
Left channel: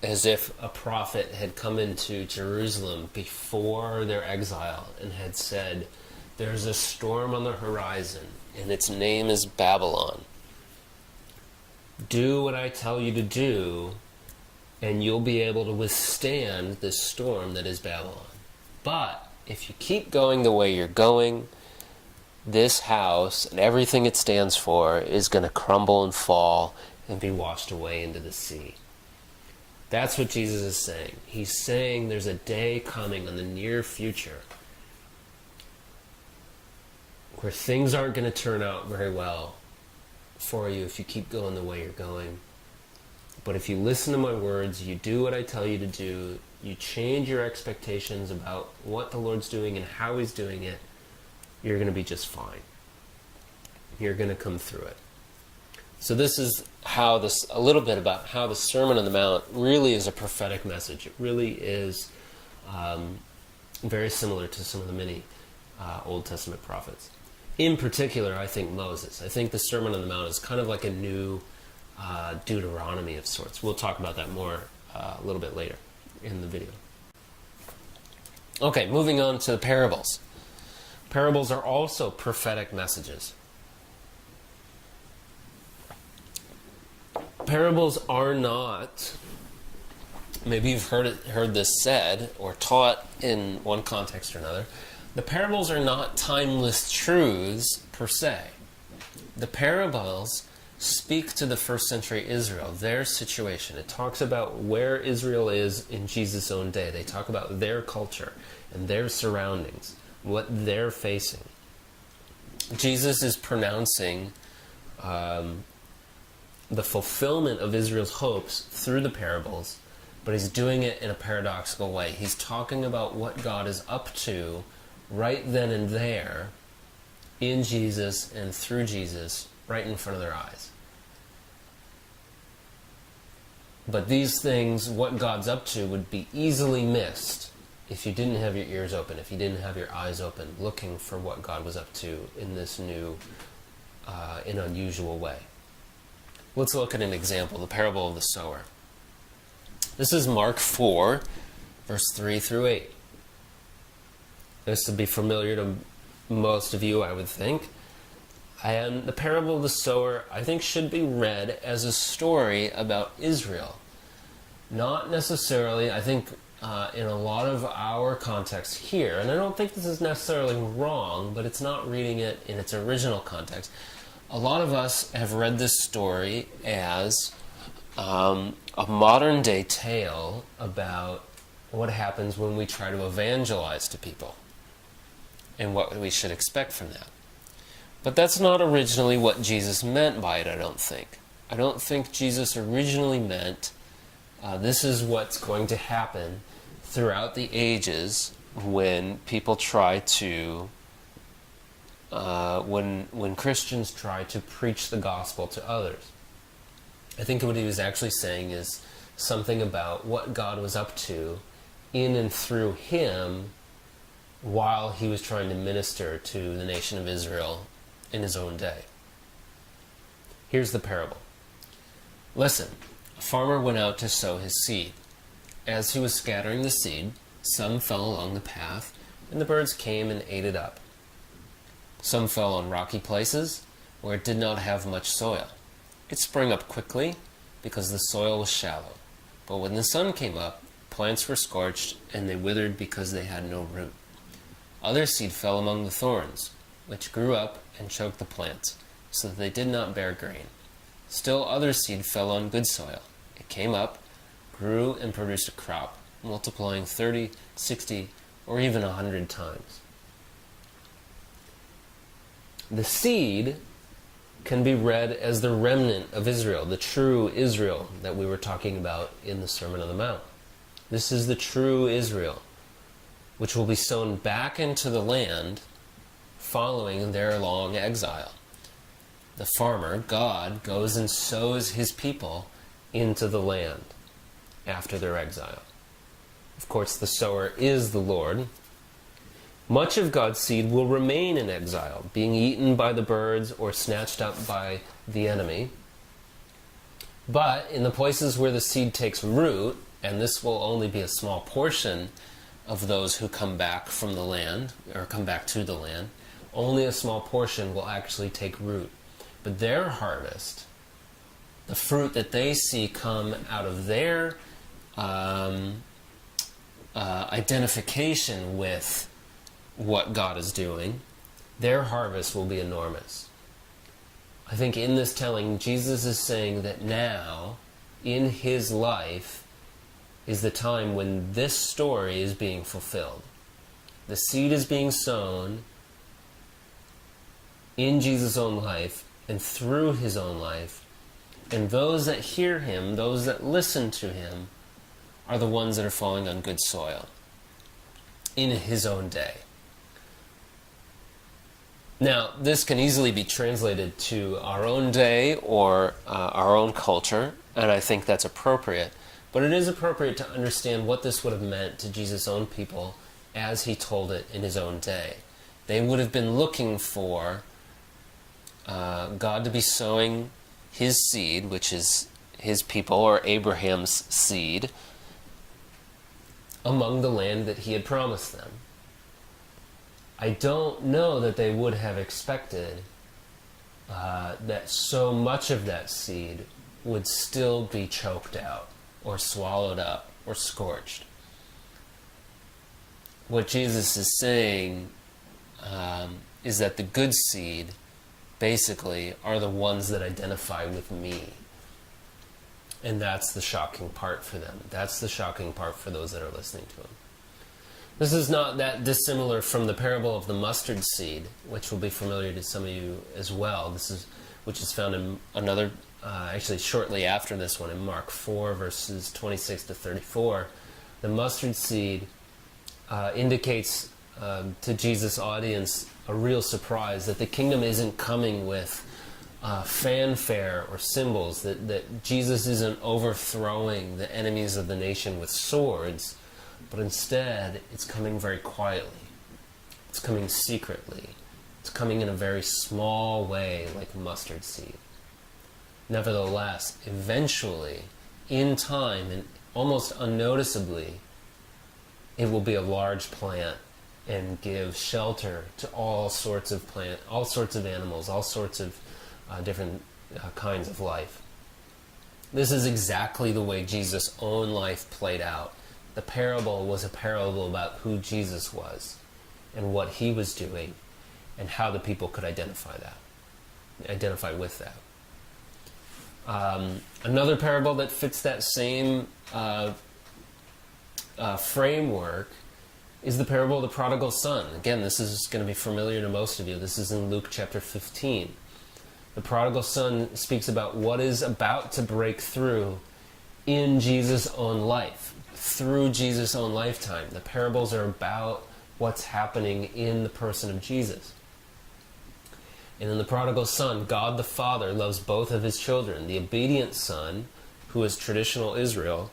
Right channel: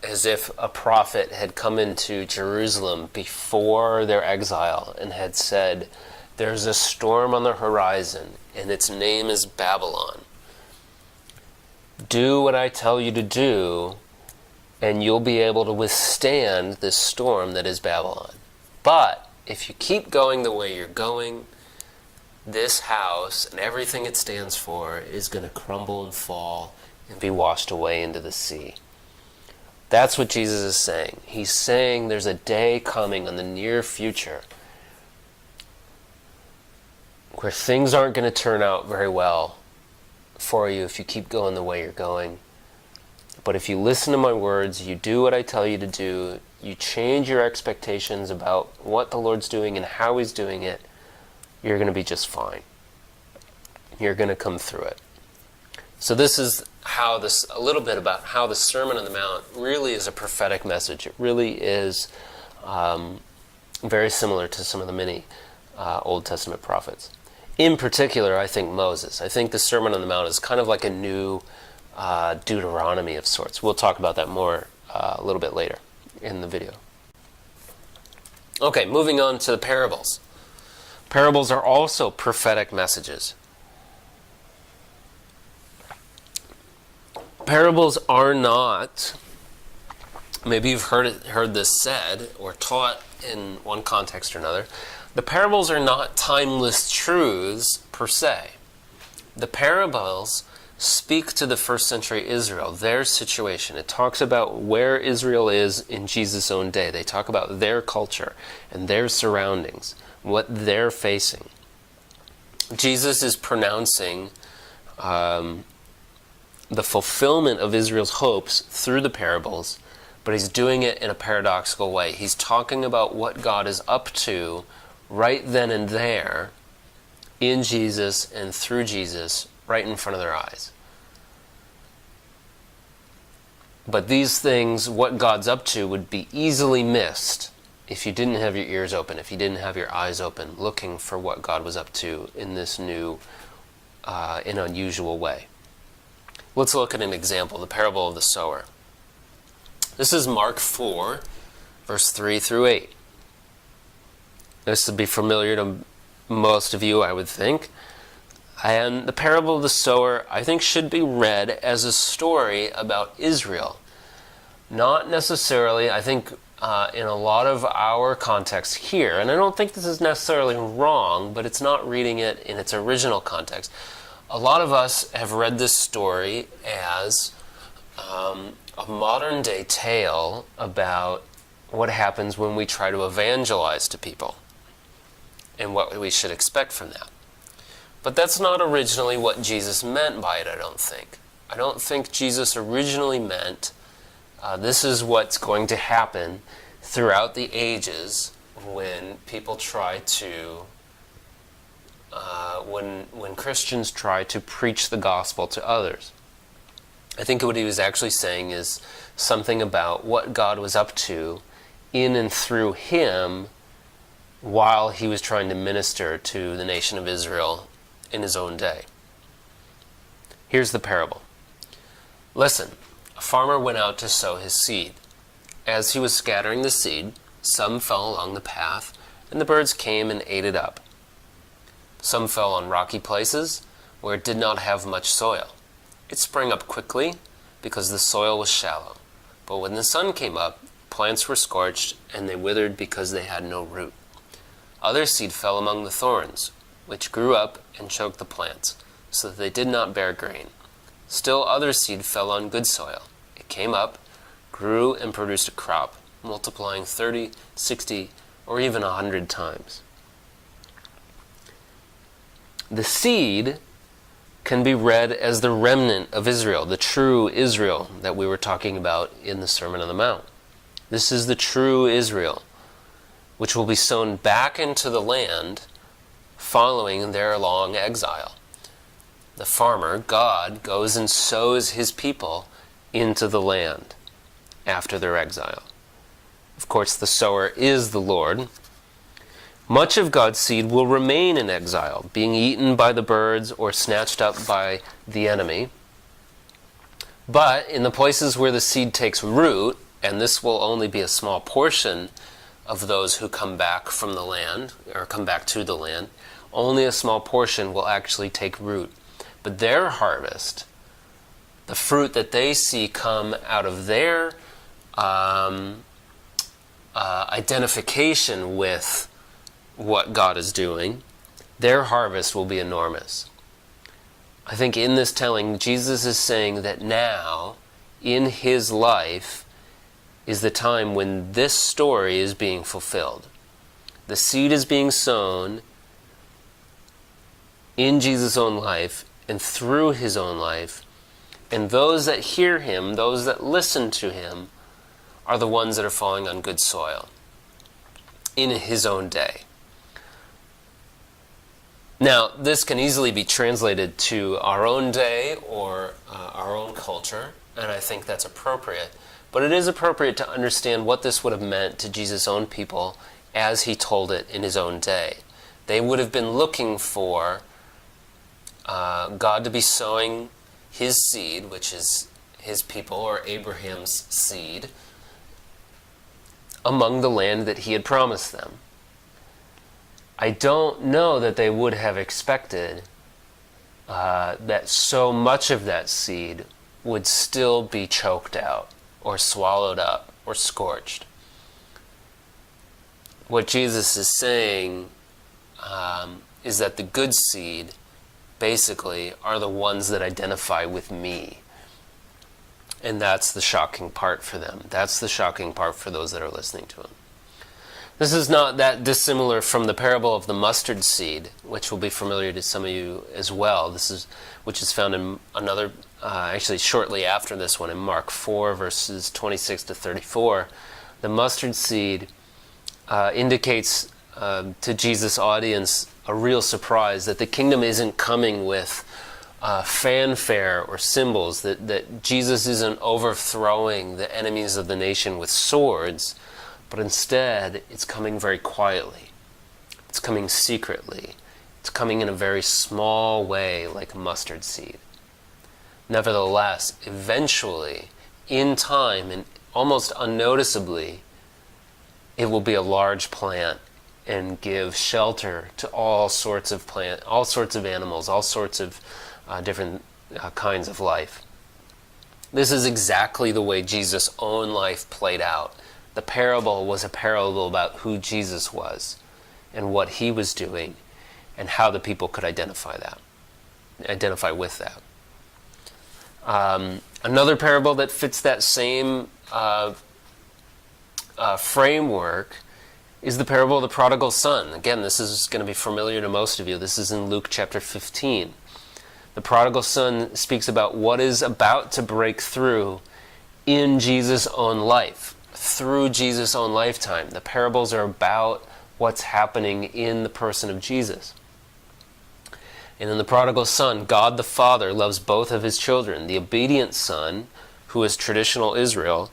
as if a prophet had come into Jerusalem before their exile and had said, "There's a storm on the horizon, and its name is Babylon. Do what I tell you to do, and you'll be able to withstand this storm that is Babylon. But if you keep going the way you're going, this house and everything it stands for is going to crumble and fall and be washed away into the sea." That's what Jesus is saying. He's saying there's a day coming in the near future where things aren't going to turn out very well for you if you keep going the way you're going. But if you listen to my words, you do what I tell you to do, you change your expectations about what the Lord's doing and how He's doing it, you're going to be just fine. You're going to come through it. So this is how a little bit about how the Sermon on the Mount really is a prophetic message. It really is very similar to some of the many Old Testament prophets. In particular, I think Moses. I think the Sermon on the Mount is kind of like a new Deuteronomy of sorts. We'll talk about that more a little bit later in the video. Okay, moving on to the parables. Parables are also prophetic messages. Parables are not, maybe you've heard this said or taught in one context or another, the parables are not timeless truths per se. The parables speak to the first century Israel, their situation. It talks about where Israel is in Jesus' own day. They talk about their culture and their surroundings, what they're facing. Jesus is pronouncing the fulfillment of Israel's hopes through the parables, but he's doing it in a paradoxical way. He's talking about what God is up to right then and there in Jesus and through Jesus right in front of their eyes. But these things, what God's up to, would be easily missed if you didn't have your ears open, if you didn't have your eyes open, looking for what God was up to in this new and unusual way. Let's look at an example, the parable of the sower. This is Mark 4, verse 3 through 8. This would be familiar to most of you, I would think. And the parable of the sower, I think, should be read as a story about Israel. Not necessarily, I think, in a lot of our context here, and I don't think this is necessarily wrong, but it's not reading it in its original context. A lot of us have read this story as a modern-day tale about what happens when we try to evangelize to people and what we should expect from that. But that's not originally what Jesus meant by it, I don't think. I don't think Jesus originally meant this is what's going to happen throughout the ages when people try to when Christians try to preach the gospel to others. I think what he was actually saying is something about what God was up to in and through him while he was trying to minister to the nation of Israel in his own day. Here's the parable. Listen, a farmer went out to sow his seed. As he was scattering the seed, some fell along the path, and the birds came and ate it up. Some fell on rocky places where it did not have much soil. It sprang up quickly because the soil was shallow. But when the sun came up, plants were scorched and they withered because they had no root. Other seed fell among the thorns, which grew up and choked the plants, so that they did not bear grain. Still other seed fell on good soil. It came up, grew, and produced a crop, multiplying 30, 60, or even 100 times. The seed can be read as the remnant of Israel, the true Israel that we were talking about in the Sermon on the Mount. This is the true Israel, which will be sown back into the land following their long exile. The farmer, God, goes and sows his people into the land after their exile. Of course, the sower is the Lord. Much of God's seed will remain in exile, being eaten by the birds or snatched up by the enemy. But in the places where the seed takes root, and this will only be a small portion of those who come back from the land, or come back to the land, only a small portion will actually take root. But their harvest, the fruit that they see come out of their identification with what God is doing, their harvest will be enormous. I think in this telling, Jesus is saying that now, in his life, is the time when this story is being fulfilled. The seed is being sown in Jesus' own life and through his own life, and those that hear him, those that listen to him, are the ones that are falling on good soil in his own day. Now, this can easily be translated to our own day or our own culture, and I think that's appropriate. But it is appropriate to understand what this would have meant to Jesus' own people as he told it in his own day. They would have been looking for God to be sowing his seed, which is his people, or Abraham's seed, among the land that he had promised them. I don't know that they would have expected that so much of that seed would still be choked out or swallowed up or scorched. What Jesus is saying is that the good seed basically are the ones that identify with me. And that's the shocking part for them. That's the shocking part for those that are listening to him. This is not that dissimilar from the parable of the mustard seed, which will be familiar to some of you as well. Which is found in another, actually shortly after this one, in Mark 4, verses 26 to 34. The mustard seed indicates to Jesus' audience a real surprise that the kingdom isn't coming with fanfare or symbols, that Jesus isn't overthrowing the enemies of the nation with swords, but instead it's coming very quietly. It's coming secretly. It's coming in a very small way, like a mustard seed. Nevertheless, eventually, in time and almost unnoticeably, it will be a large plant and give shelter to all sorts of plants, all sorts of animals, all sorts of different kinds of life. This is exactly the way Jesus' own life played out. The parable was a parable about who Jesus was and what he was doing and how the people could identify with that. Another parable that fits that same framework is the parable of the prodigal son. Again, this is going to be familiar to most of you. This is in Luke chapter 15. The prodigal son speaks about what is about to break through in Jesus' own life, through Jesus' own lifetime. The parables are about what's happening in the person of Jesus. And in the prodigal son, God the Father loves both of his children, the obedient son, who is traditional Israel,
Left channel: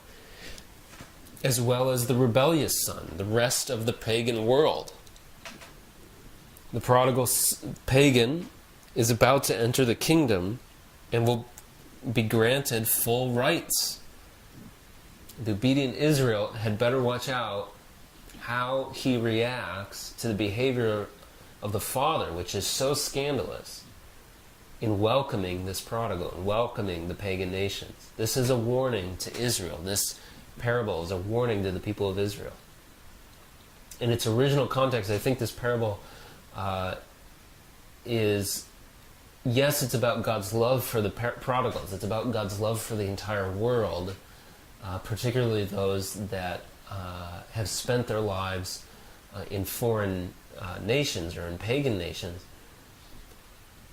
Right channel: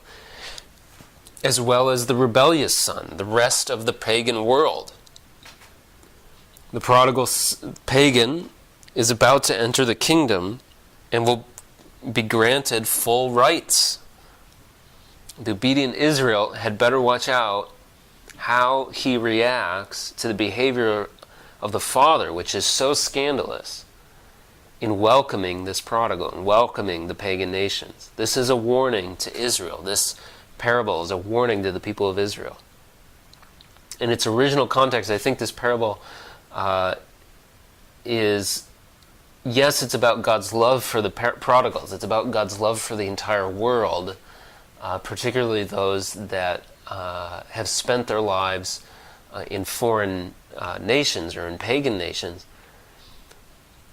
as well as the rebellious son, the rest of the pagan world. The prodigal pagan is about to enter the kingdom and will be granted full rights. The obedient Israel had better watch out how he reacts to the behavior of the father, which is so scandalous, in welcoming this prodigal and welcoming the pagan nations. This is a warning to Israel. This parable is a warning to the people of Israel. In its original context, I think this parable is, yes, it's about God's love for the prodigals. It's about God's love for the entire world, particularly those that have spent their lives in foreign nations or in pagan nations.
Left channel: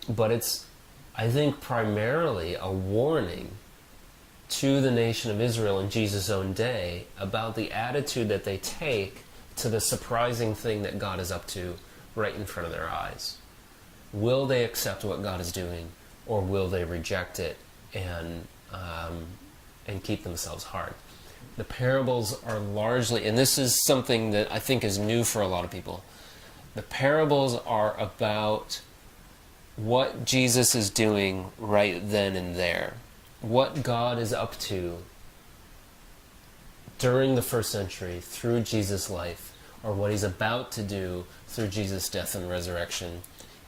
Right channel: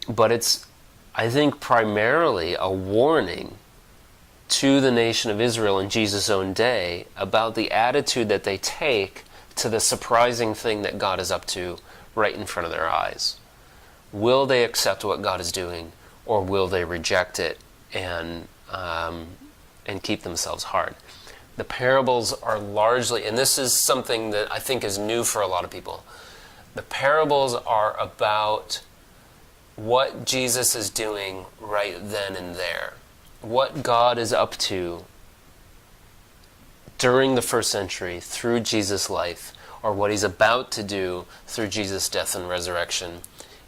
But it's, I think, primarily a warning to the nation of Israel in Jesus' own day about the attitude that they take to the surprising thing that God is up to right in front of their eyes. Will they accept what God is doing, or will they reject it and keep themselves hard? The parables are largely, and this is something that I think is new for a lot of people, The parables are about what Jesus is doing right then and there, what God is up to during the first century through Jesus' life, or what he's about to do through Jesus' death and resurrection,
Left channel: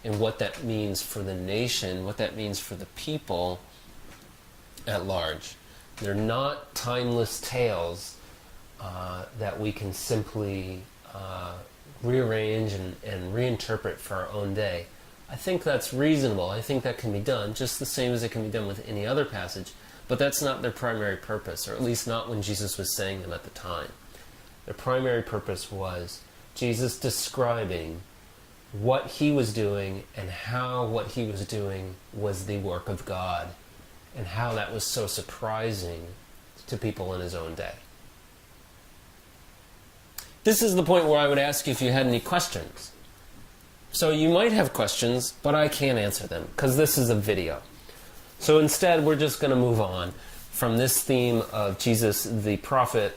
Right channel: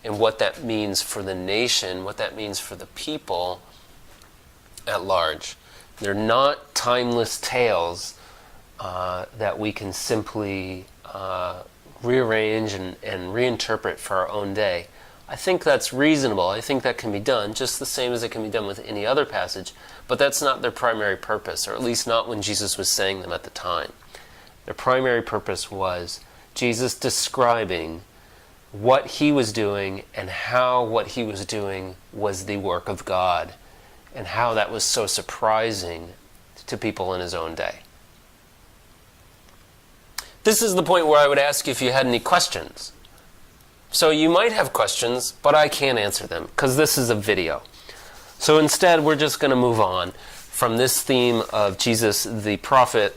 and what that means for the nation, what that means for the people at large. They're not timeless tales that we can simply rearrange and reinterpret for our own day. I think that's reasonable. I think that can be done, just the same as it can be done with any other passage, but that's not their primary purpose, or at least not when Jesus was saying them at the time. Their primary purpose was Jesus describing what he was doing and how what he was doing was the work of God, and how that was so surprising to people in his own day. This is the point where I would ask you if you had any questions. So you might have questions, but I can't answer them because this is a video. So instead, we're just going to move on from this theme of Jesus the prophet,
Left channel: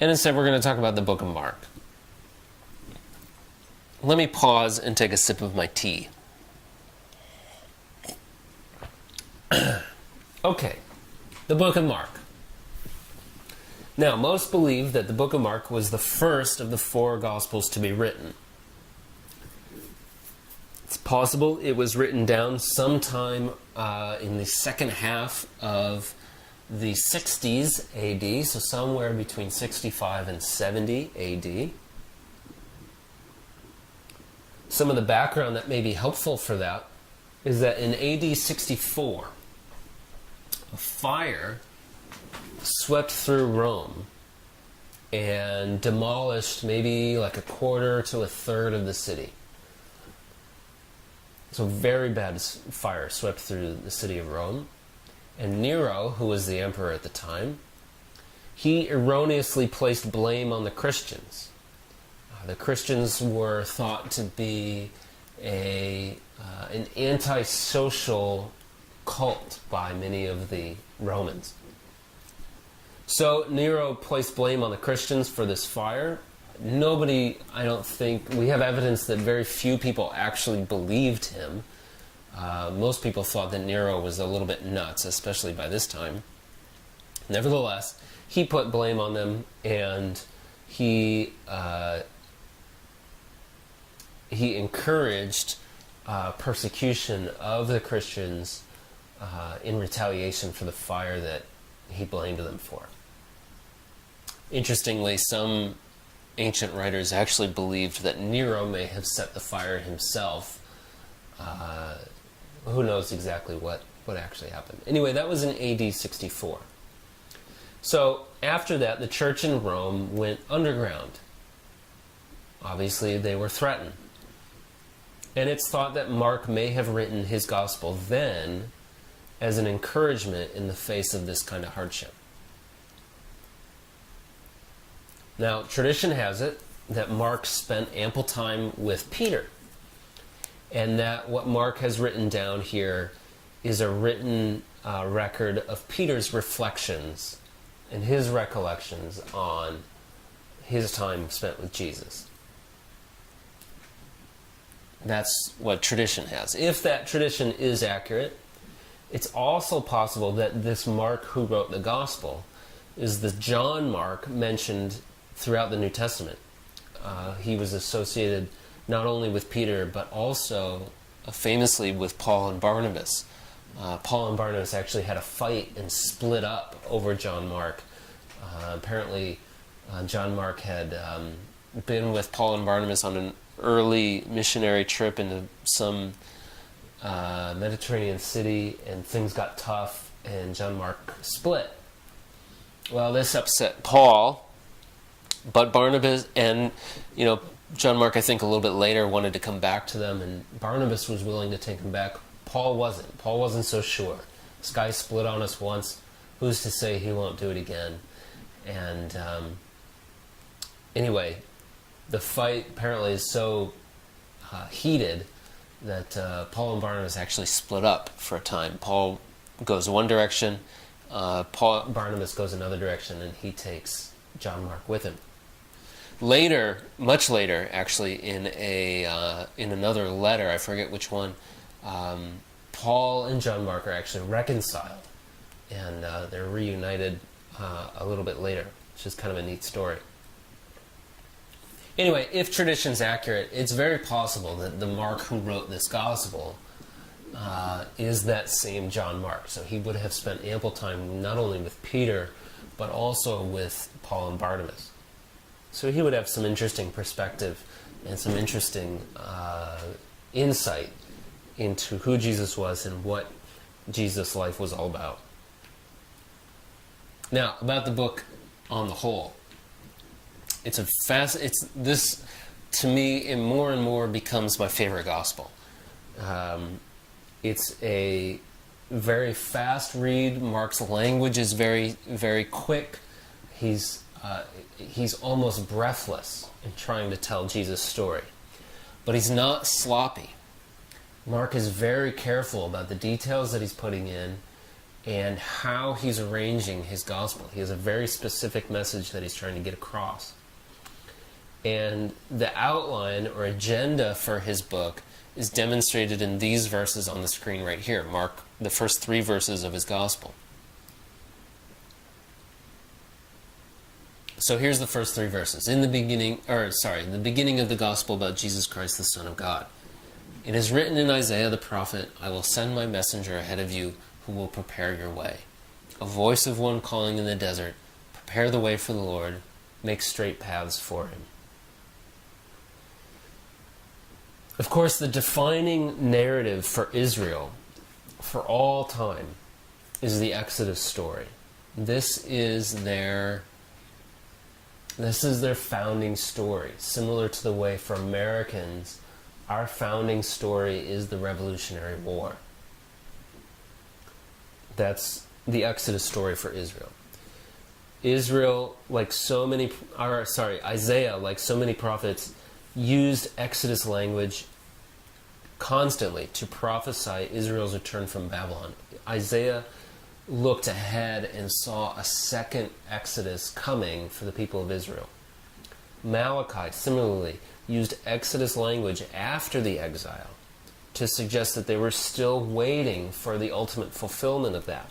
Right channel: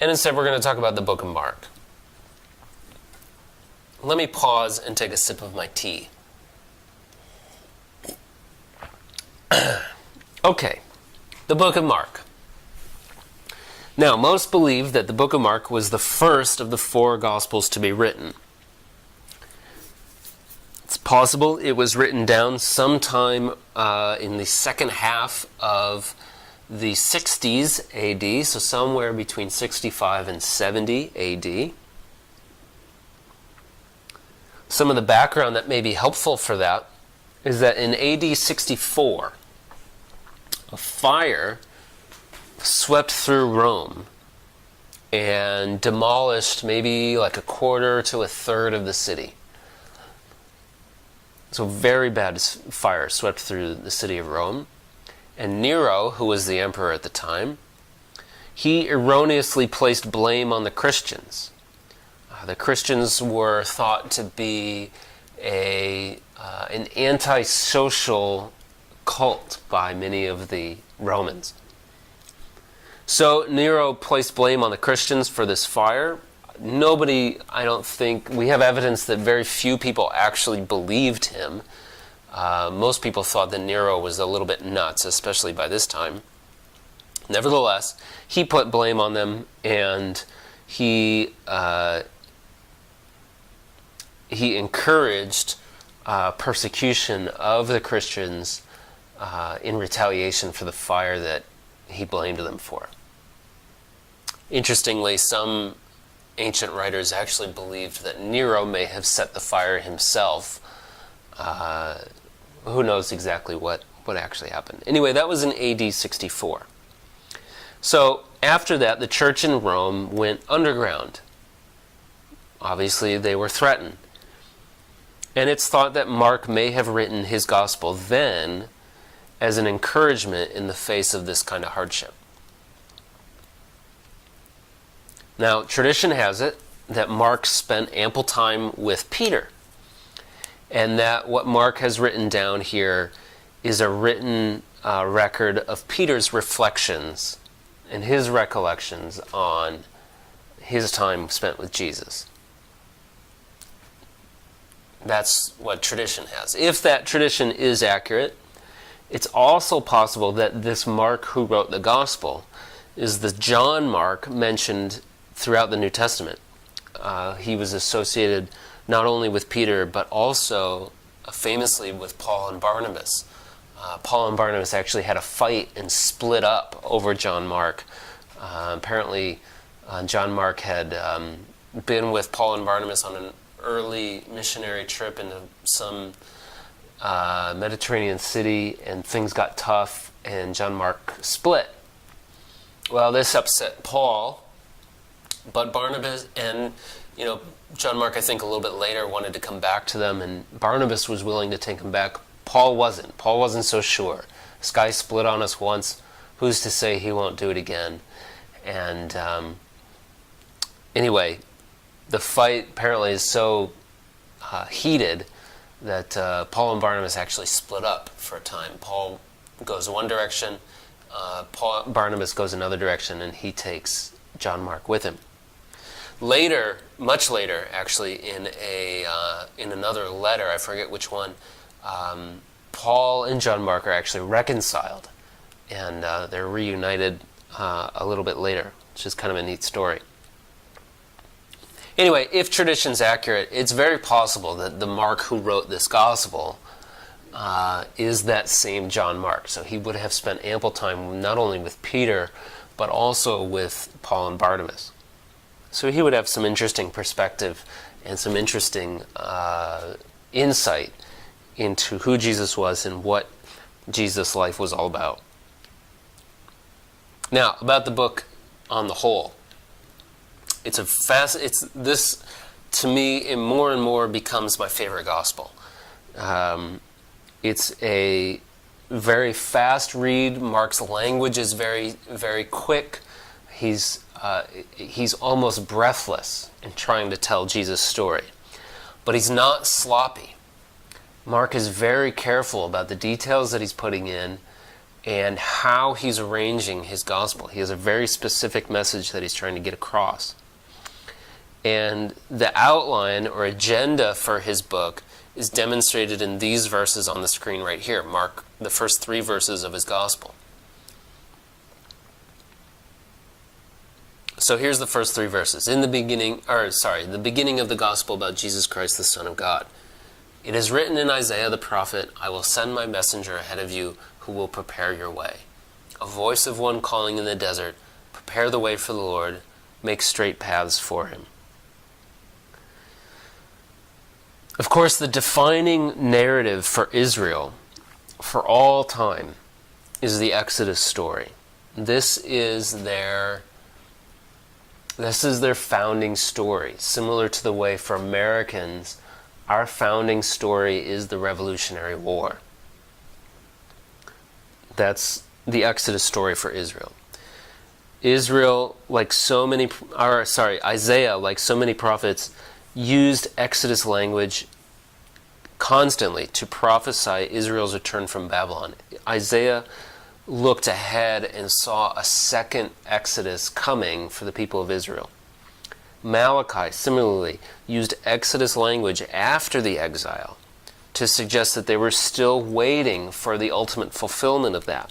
and instead we're going to talk about the book of Mark. Let me pause and take a sip of my tea. Okay, the book of Mark. Now, most believe that the book of Mark was the first of the 4 Gospels to be written. It's possible it was written down sometime in the second half of the 60s AD, so somewhere between 65 and 70 AD. Some of the background that may be helpful for that is that in AD 64, a fire swept through Rome and demolished maybe like a quarter to a third of the city. So very bad fire swept through the city of Rome. And Nero, who was the emperor at the time, he erroneously placed blame on the Christians. The Christians were thought to be an antisocial cult by many of the Romans. So Nero placed blame on the Christians for this fire. Nobody, I don't think, we have evidence that very few people actually believed him. Most people thought that Nero was a little bit nuts, especially by this time. Nevertheless, he put blame on them, and he encouraged persecution of the Christians in retaliation for the fire that he blamed them for. Interestingly, some ancient writers actually believed that Nero may have set the fire himself. Who knows exactly what actually happened. Anyway, that was in AD 64. So after that, the church in Rome went underground. Obviously, they were threatened. And it's thought that Mark may have written his gospel then as an encouragement in the face of this kind of hardship. Now, tradition has it that Mark spent ample time with Peter, and that what Mark has written down here is a written record of Peter's reflections and his recollections on his time spent with Jesus. That's what tradition has. If that tradition is accurate, it's also possible that this Mark who wrote the gospel is the John Mark mentioned throughout the New Testament. He was associated not only with Peter, but also famously with Paul and Barnabas. Paul and Barnabas actually had a fight and split up over John Mark. Apparently, John Mark had been with Paul and Barnabas on an early missionary trip into some Mediterranean city, and things got tough, and John Mark split. Well, this upset Paul, but Barnabas and, John Mark, I think a little bit later wanted to come back to them, and Barnabas was willing to take him back. Paul wasn't. Paul wasn't so sure. This guy split on us once. Who's to say he won't do it again? And anyway, the fight apparently is so heated that Paul and Barnabas actually split up for a time. Paul goes one direction, Barnabas goes another direction, and he takes John Mark with him. Later, much later, actually, in another letter, I forget which one, Paul and John Mark are actually reconciled, and they're reunited a little bit later, which is kind of a neat story. Anyway, if tradition's accurate, it's very possible that the Mark who wrote this gospel is that same John Mark. So he would have spent ample time not only with Peter, but also with Paul and Barnabas. So he would have some interesting perspective and some interesting insight into who Jesus was and what Jesus' life was all about. Now, about the book on the whole. This, to me, it more and more becomes my favorite gospel. It's a very fast read. Mark's language is very, very quick. He's almost breathless in trying to tell Jesus' story. But he's not sloppy. Mark is very careful about the details that he's putting in and how he's arranging his gospel. He has a very specific message that he's trying to get across. And the outline or agenda for his book is demonstrated in these verses on the screen right here. Mark, the first 3 verses of his gospel. So here's the first 3 verses. The beginning of the gospel about Jesus Christ, the Son of God. It is written in Isaiah the prophet, I will send my messenger ahead of you who will prepare your way. A voice of one calling in the desert, prepare the way for the Lord, make straight paths for him. Of course, the defining narrative for Israel for all time is the Exodus story. This is their founding story, similar to the way for Americans, our founding story is the Revolutionary War. That's the Exodus story for Israel. Isaiah, like so many prophets, used Exodus language constantly to prophesy Israel's return from Babylon. Isaiah looked ahead and saw a second Exodus coming for the people of Israel. Malachi, similarly, used Exodus language after the exile to suggest that they were still waiting for the ultimate fulfillment of that.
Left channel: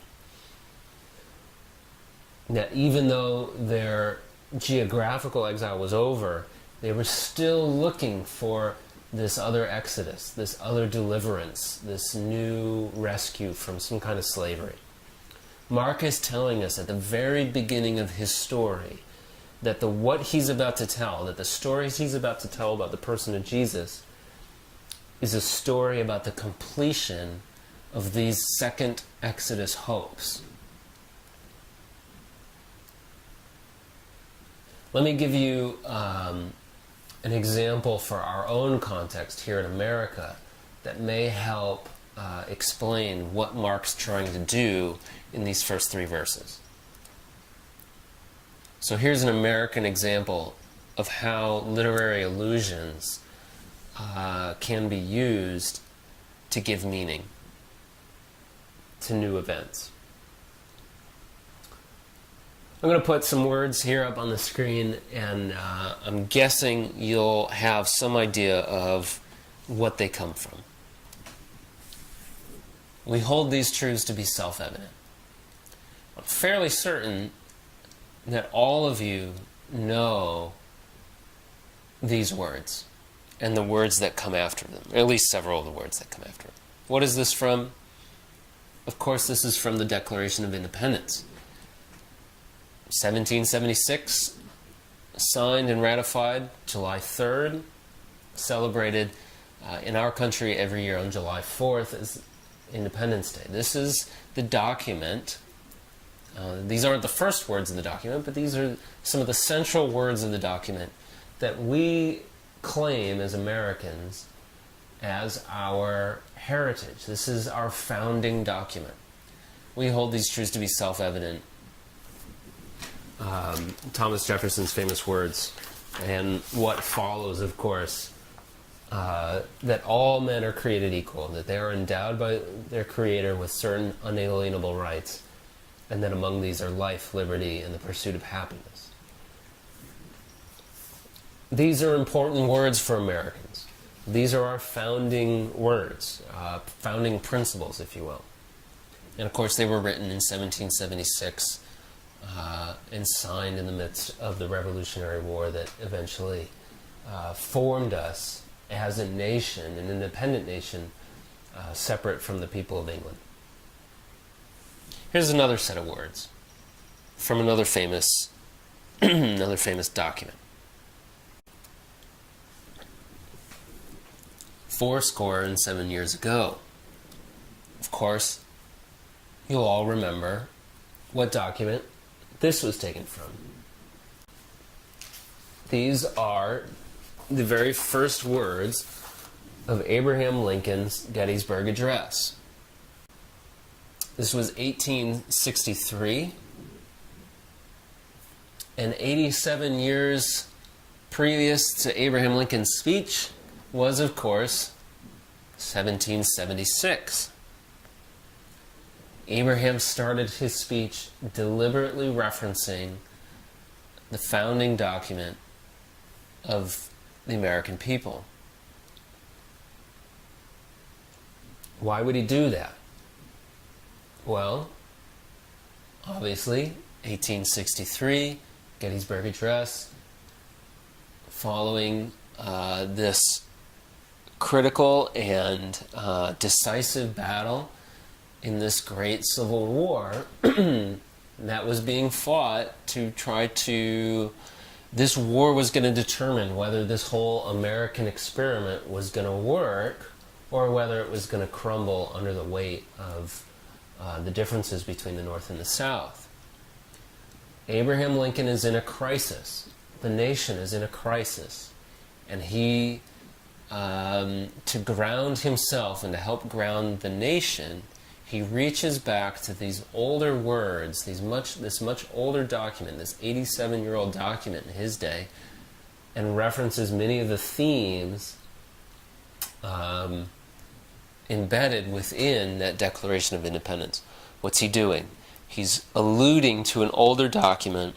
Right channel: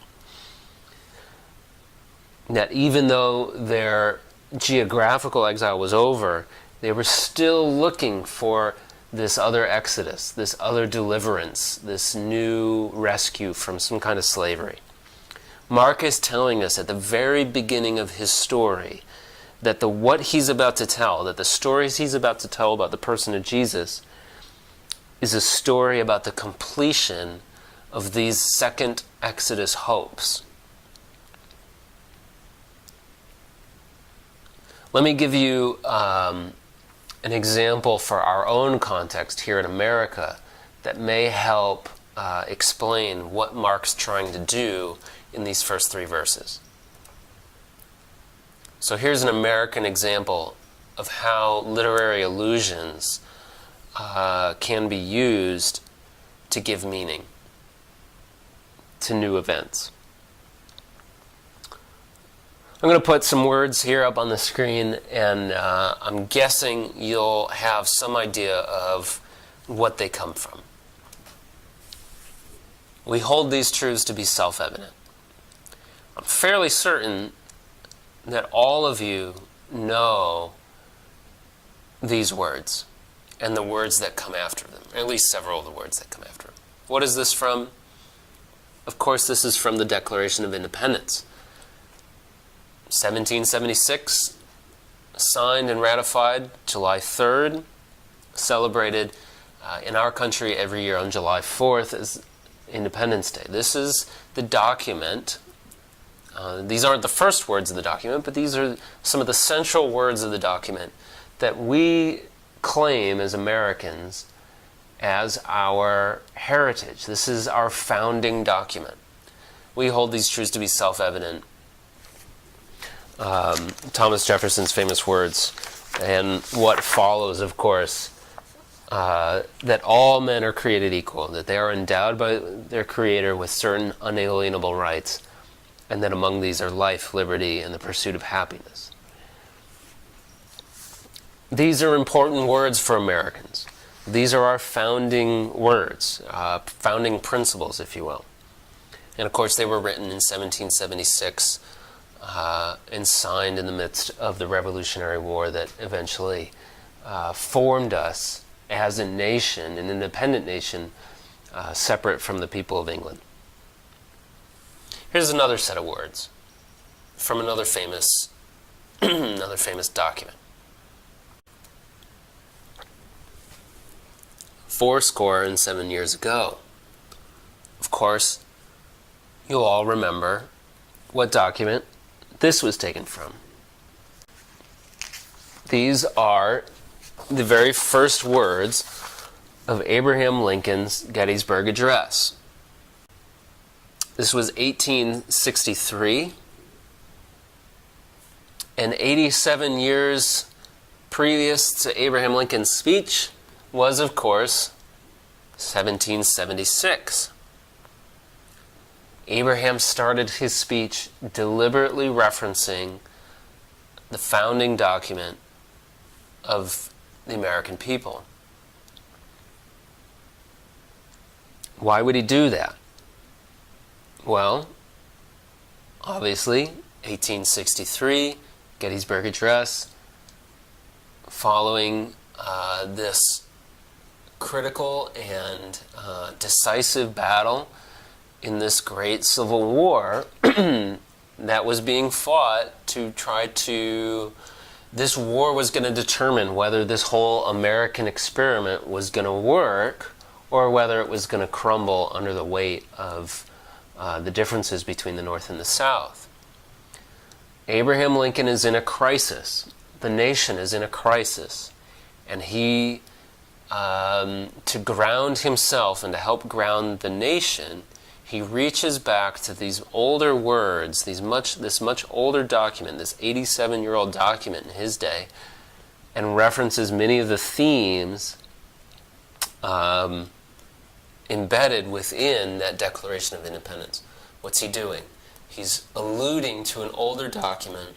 That even though their geographical exile was over, they were still looking for this other exodus, this other deliverance, this new rescue from some kind of slavery. Mark is telling us at the very beginning of his story that what he's about to tell, that the stories he's about to tell about the person of Jesus is a story about the completion of these second Exodus hopes. Let me give you an example for our own context here in America that may help explain what Mark's trying to do in these first 3 verses. So here's an American example of how literary allusions can be used to give meaning to new events. I'm going to put some words here up on the screen, and I'm guessing you'll have some idea of what they come from. We hold these truths to be self-evident. I'm fairly certain that all of you know these words and the words that come after them, or at least several of the words that come after them. What is this from? Of course, this is from the Declaration of Independence. 1776, signed and ratified July 3rd, celebrated in our country every year on July 4th as Independence Day. This is the document. These aren't the first words of the document, but these are some of the central words of the document that we claim as Americans as our heritage. This is our founding document. We hold these truths to be self-evident. Thomas Jefferson's famous words, and what follows, of course, that all men are created equal, that they are endowed by their Creator with certain unalienable rights, and that among these are life, liberty, and the pursuit of happiness. these are important words for Americans. These are our founding words, founding principles, if you will. And of course, they were written in 1776 and signed in the midst of the Revolutionary War that eventually formed us as a nation, an independent nation, separate from the people of England. Here's another set of words from another famous, another famous document. 77 years ago. Of course, you'll all remember what document this was taken from. These are the very first words of Abraham Lincoln's Gettysburg Address. This was 1863, and 87 years previous to Abraham Lincoln's speech was, of course, 1776. Abraham started his speech deliberately referencing the founding document of the American people. Why would he do that? Well, obviously, 1863, Gettysburg Address, following this critical and decisive battle in this great civil war that was being fought to try to... This war was going to determine whether this whole American experiment was going to work or whether it was going to crumble under the weight of the differences between the North and the South. Abraham Lincoln is in a crisis. The nation is in a crisis. And he, to ground himself and to help ground the nation, he reaches back to these older words, this much older document, this 87-year-old document in his day, and references many of the themes embedded within that Declaration of Independence. What's he doing? He's alluding to an older document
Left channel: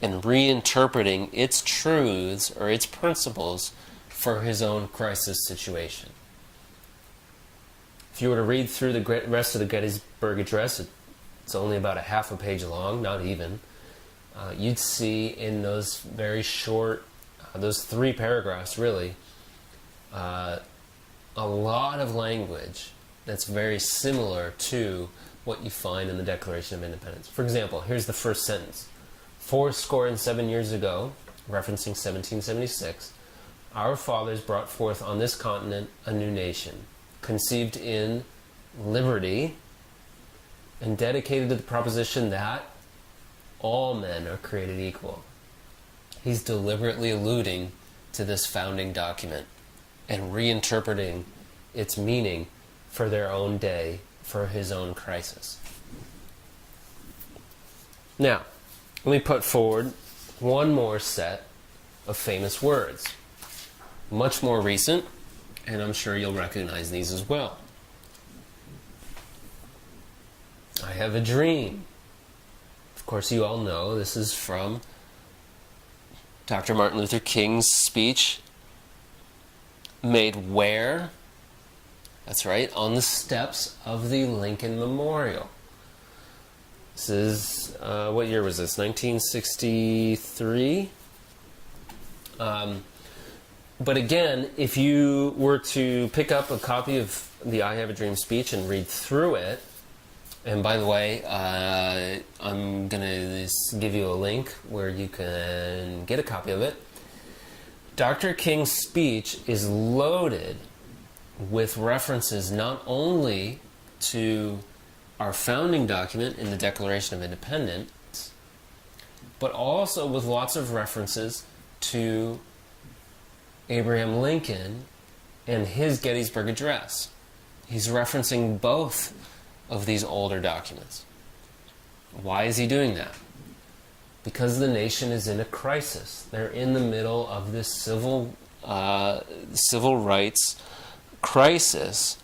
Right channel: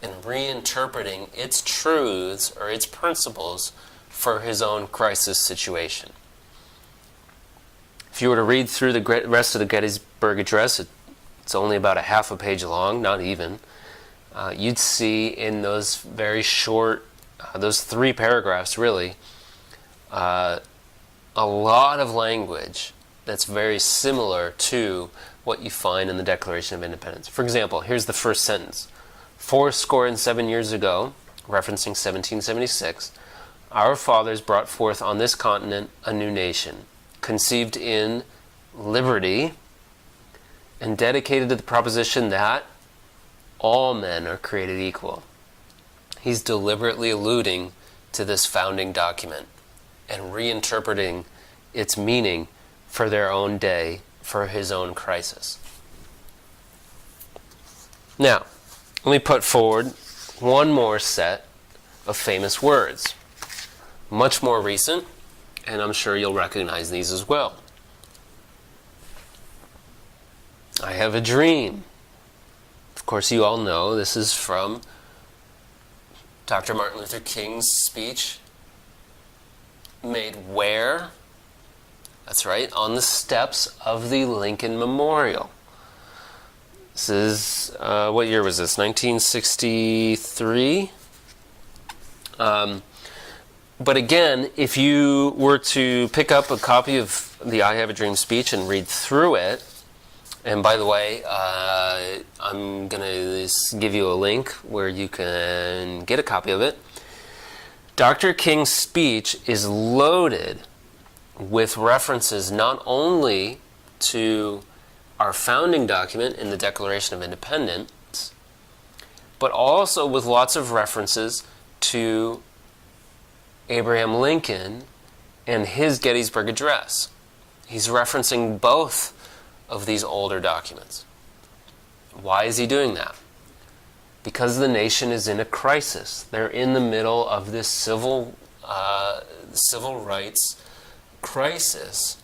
and reinterpreting its truths or its principles for his own crisis situation. If you were to read through the rest of the Gettysburg Address, it's only about a half a page long, not even. You'd see in those very short, those 3 paragraphs really, a lot of language that's very similar to what you find in the Declaration of Independence. For example, here's the first sentence. 77 years ago, referencing 1776, our fathers brought forth on this continent a new nation, conceived in liberty and dedicated to the proposition that all men are created equal. He's deliberately alluding to this founding document and reinterpreting its meaning for their own day, for his own crisis. Now, let me put forward one more set of famous words, much more recent, and I'm sure you'll recognize these as well. I have a dream. Of course, you all know this is from Dr. Martin Luther King's speech made where? That's right, on the steps of the Lincoln Memorial. This is, what year was this? 1963? But again, if you were to pick up a copy of the I Have a Dream speech and read through it, and by the way, I'm going to give you a link where you can get a copy of it. Dr. King's speech is loaded with references not only to our founding document in the Declaration of Independence, but also with lots of references to Abraham Lincoln and his Gettysburg Address. He's referencing both of these older documents. Why is he doing that? Because the nation is in a crisis. They're in the middle of this civil rights crisis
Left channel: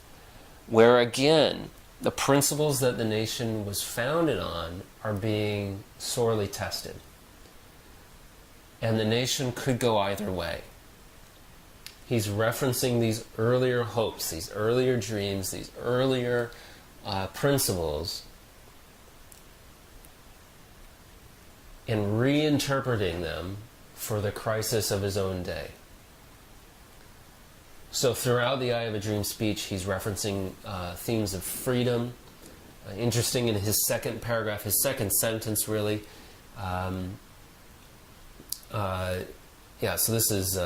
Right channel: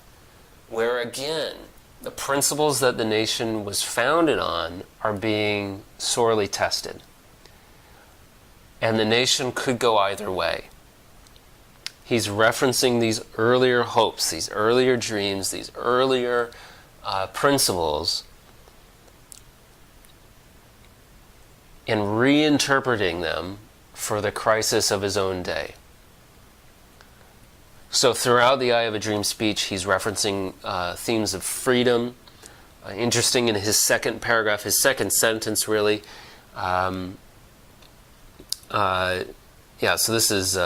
where, again, the principles that the nation was founded on are being sorely tested. And the nation could go either way. He's referencing these earlier hopes, these earlier dreams, these earlier principles, and reinterpreting them for the crisis of his own day. So throughout the Eye of a Dream speech, he's referencing themes of freedom. Interesting, in his second paragraph, his second sentence really, so this is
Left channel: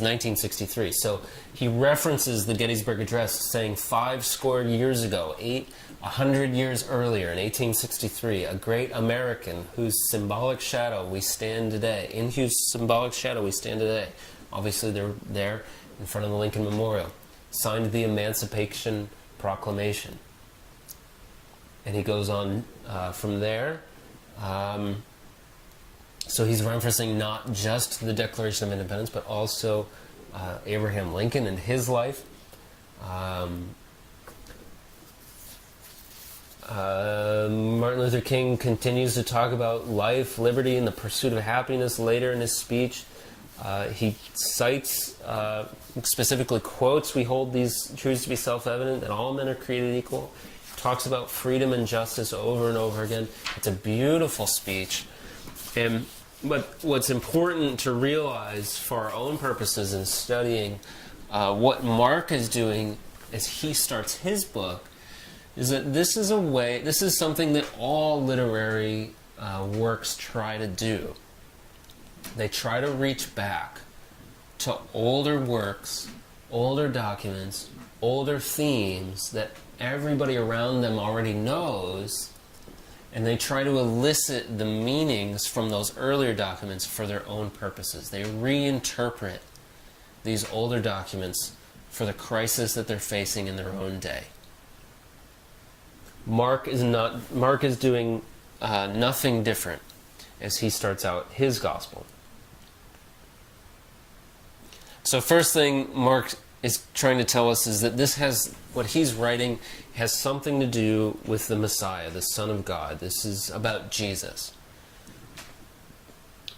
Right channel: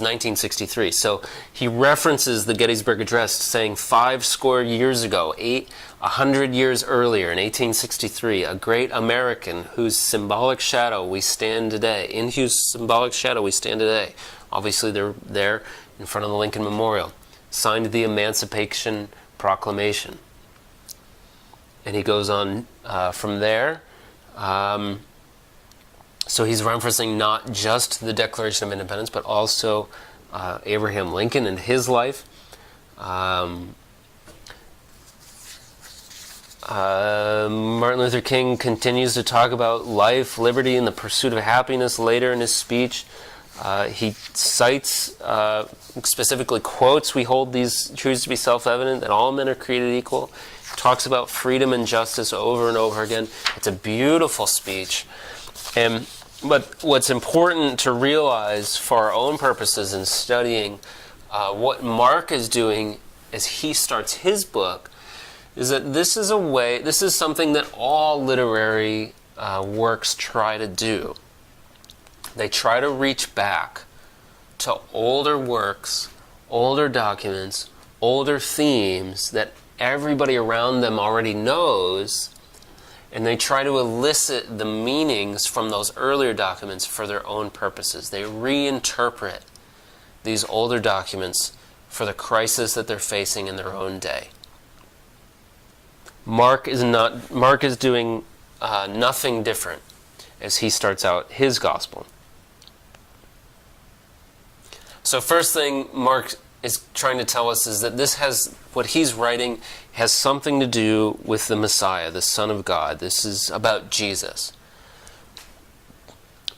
1963. So he references the Gettysburg Address, saying 50 years ago, 100 years earlier, in 1863, a great American whose symbolic shadow we stand today, in whose symbolic shadow we stand today. Obviously, they're there in front of the Lincoln Memorial, signed the Emancipation Proclamation. And he goes on from there. So he's referencing not just the Declaration of Independence, but also Abraham Lincoln and his life. Martin Luther King continues to talk about life, liberty, and the pursuit of happiness later in his speech. He cites, specifically quotes, "We hold these truths to be self-evident, that all men are created equal." He talks about freedom and justice over and over again. It's a beautiful speech. But what's important to realize for our own purposes in studying what Mark is doing as he starts his book is that this is something that all literary works try to do. They try to reach back to older works, older documents, older themes that everybody around them already knows, and they try to elicit the meanings from those earlier documents for their own purposes. They reinterpret these older documents for the crisis that they're facing in their own day. Mark is doing nothing different as he starts out his gospel. So first thing Mark is trying to tell us is that what he's writing has something to do with the Messiah, the Son of God. This is about Jesus.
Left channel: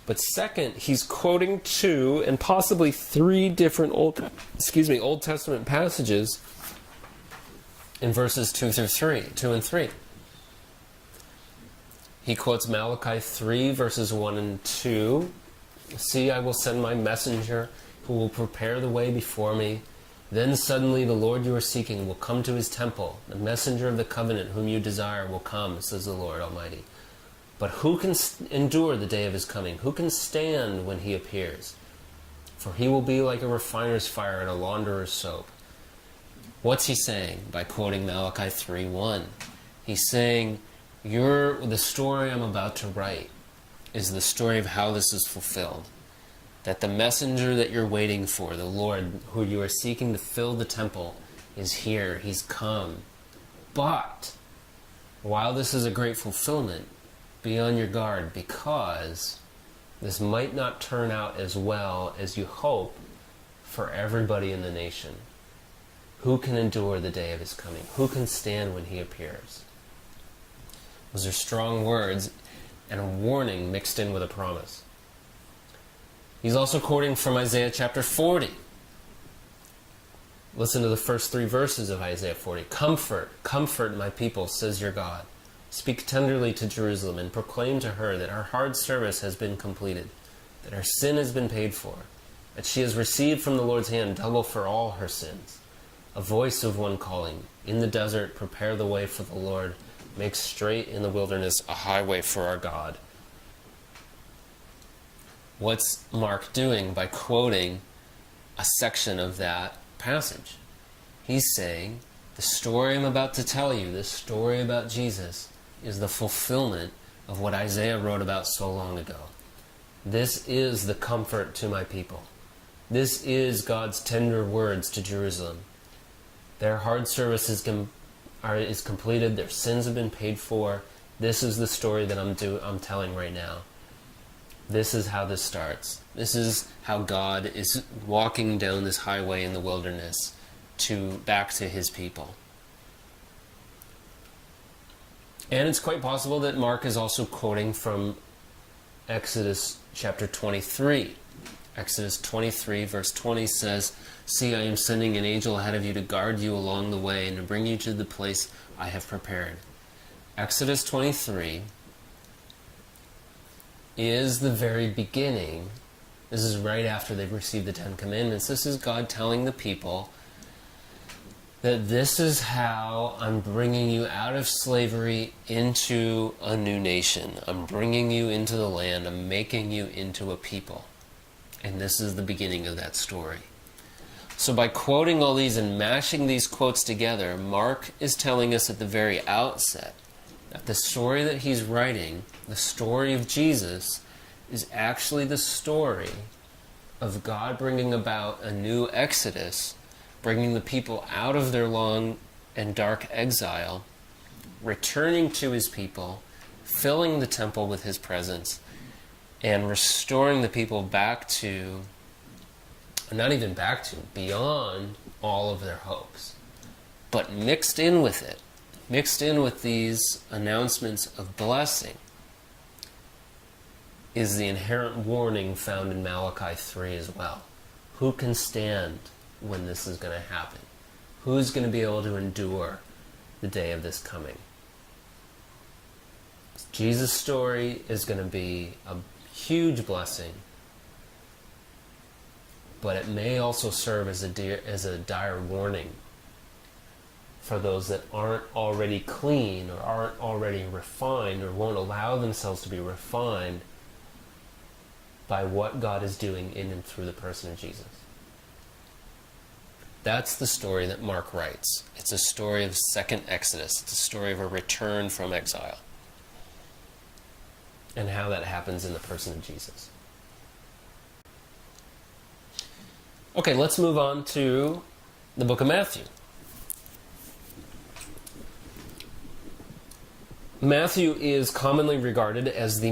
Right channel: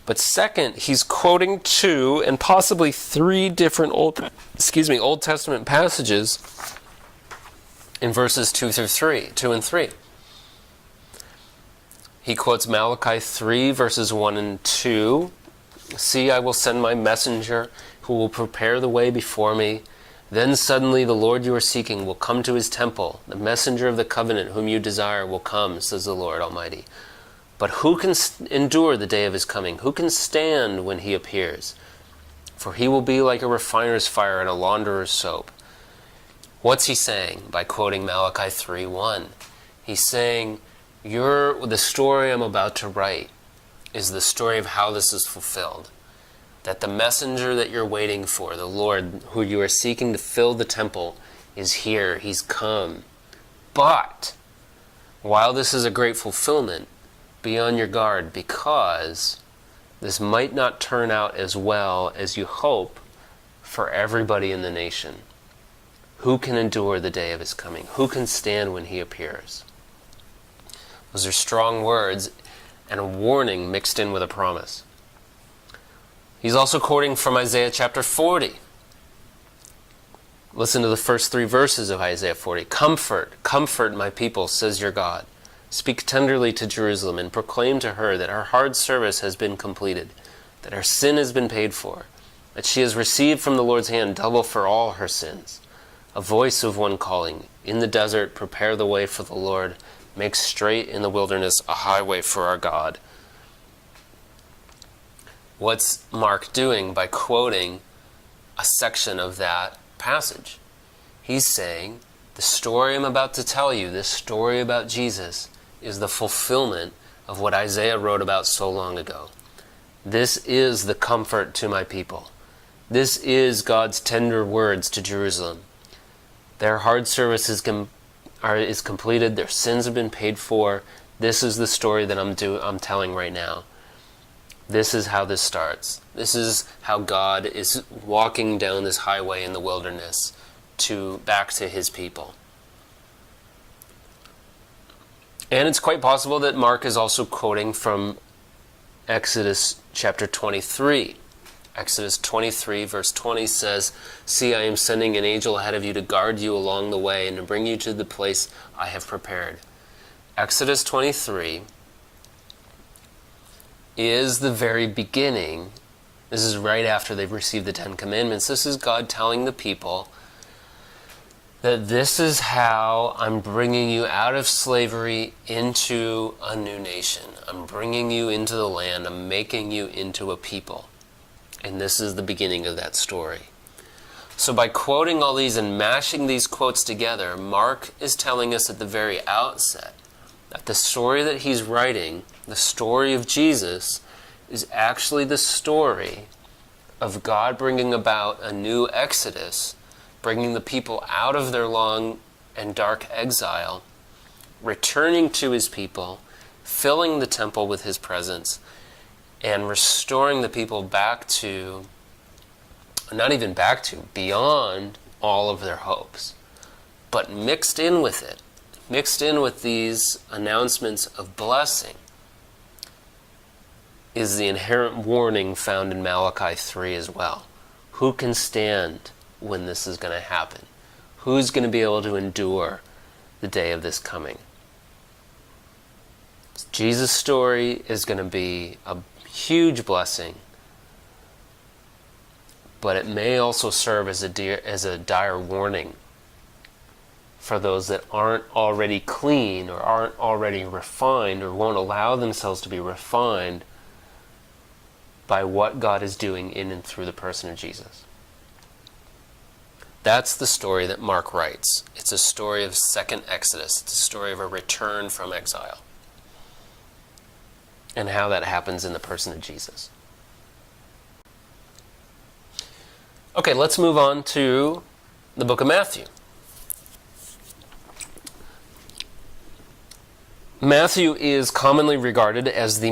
But second, he's quoting 2 and possibly 3 different Old Testament passages in verses 2 and 3. He quotes Malachi 3, verses 1 and 2. "See, I will send my messenger who will prepare the way before me. Then suddenly the Lord you are seeking will come to his temple. The messenger of the covenant whom you desire will come, says the Lord Almighty. But who can endure the day of his coming? Who can stand when he appears? For he will be like a refiner's fire and a launderer's soap." What's he saying by quoting Malachi 3:1? He's saying, the story I'm about to write is the story of how this is fulfilled. That the messenger that you're waiting for, the Lord who you are seeking to fill the temple, is here. He's come. But while this is a great fulfillment, be on your guard, because this might not turn out as well as you hope for everybody in the nation. Who can endure the day of his coming? Who can stand when he appears? Those are strong words and a warning mixed in with a promise. He's also quoting from Isaiah chapter 40. Listen to the first 3 verses of Isaiah 40. "Comfort, comfort my people, says your God. Speak tenderly to Jerusalem and proclaim to her that her hard service has been completed, that her sin has been paid for, that she has received from the Lord's hand double for all her sins. A voice of one calling, in the desert, prepare the way for the Lord, make straight in the wilderness a highway for our God." What's Mark doing by quoting a section of that passage? He's saying, the story I'm about to tell you, this story about Jesus, is the fulfillment of what Isaiah wrote about so long ago. This is the comfort to my people. This is God's tender words to Jerusalem. Their hard service is completed. Their sins have been paid for. This is the story that I'm telling right now. This is how this starts. This is how God is walking down this highway in the wilderness back to his people. And it's quite possible that Mark is also quoting from Exodus chapter 23. Exodus 23 verse 20 says, "See, I am sending an angel ahead of you to guard you along the way and to bring you to the place I have prepared." Exodus 23 is the very beginning. This is right after they've received the Ten Commandments. This is God telling the people that this is how I'm bringing you out of slavery into a new nation. I'm bringing you into the land. I'm making you into a people. And this is the beginning of that story. So by quoting all these and mashing these quotes together, Mark is telling us at the very outset that the story that he's writing, the story of Jesus, is actually the story of God bringing about a new exodus, bringing the people out of their long and dark exile, returning to his people, filling the temple with his presence, and restoring the people back to, not even back to, beyond all of their hopes. But mixed in with it, mixed in with these announcements of blessing, is the inherent warning found in Malachi 3 as well. Who can stand when this is going to happen? Who's going to be able to endure the day of this coming? Jesus' story is going to be a huge blessing, but it may also serve as a dire warning for those that aren't already clean or aren't already refined or won't allow themselves to be refined by what God is doing in and through the person of Jesus. That's the story that Mark writes. It's a story of second Exodus. It's a story of a return from exile, and how that happens in the person of Jesus. Okay, let's move on to the book of Matthew. Matthew is commonly regarded as the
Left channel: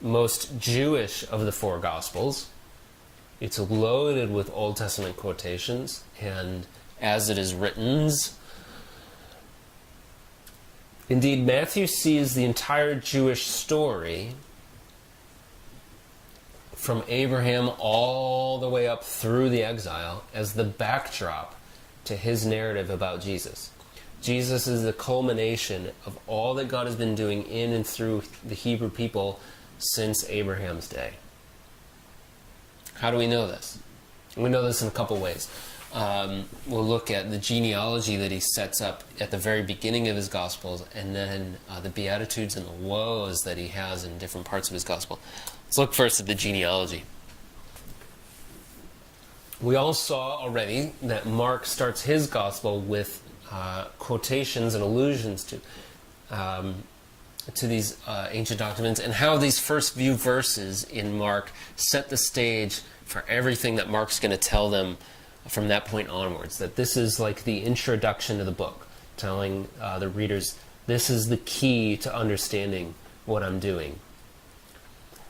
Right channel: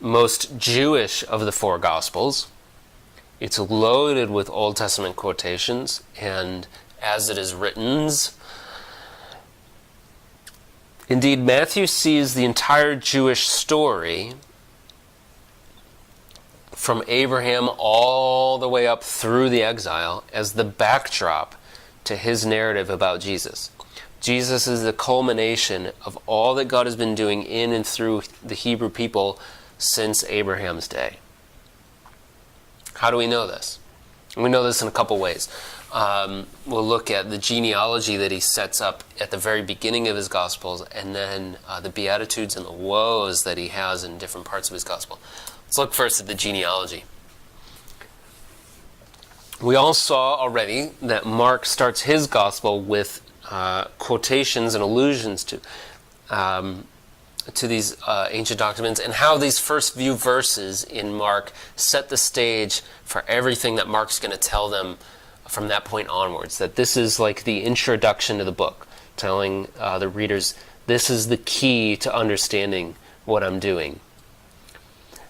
most Jewish of the four Gospels. It's loaded with Old Testament quotations, and as it is written, indeed, Matthew sees the entire Jewish story from Abraham all the way up through the exile as the backdrop to his narrative about Jesus. Jesus is the culmination of all that God has been doing in and through the Hebrew people since Abraham's day. How do we know this? We know this in a couple ways. We'll look at the genealogy that he sets up at the very beginning of his Gospels, and then the Beatitudes and the woes that he has in different parts of his Gospel. Let's look first at the genealogy. We all saw already that Mark starts his Gospel with quotations and allusions to these ancient documents, and how these first few verses in Mark set the stage for everything that Mark's going to tell them from that point onwards. That this is like the introduction to the book, telling the readers, this is the key to understanding what I'm doing.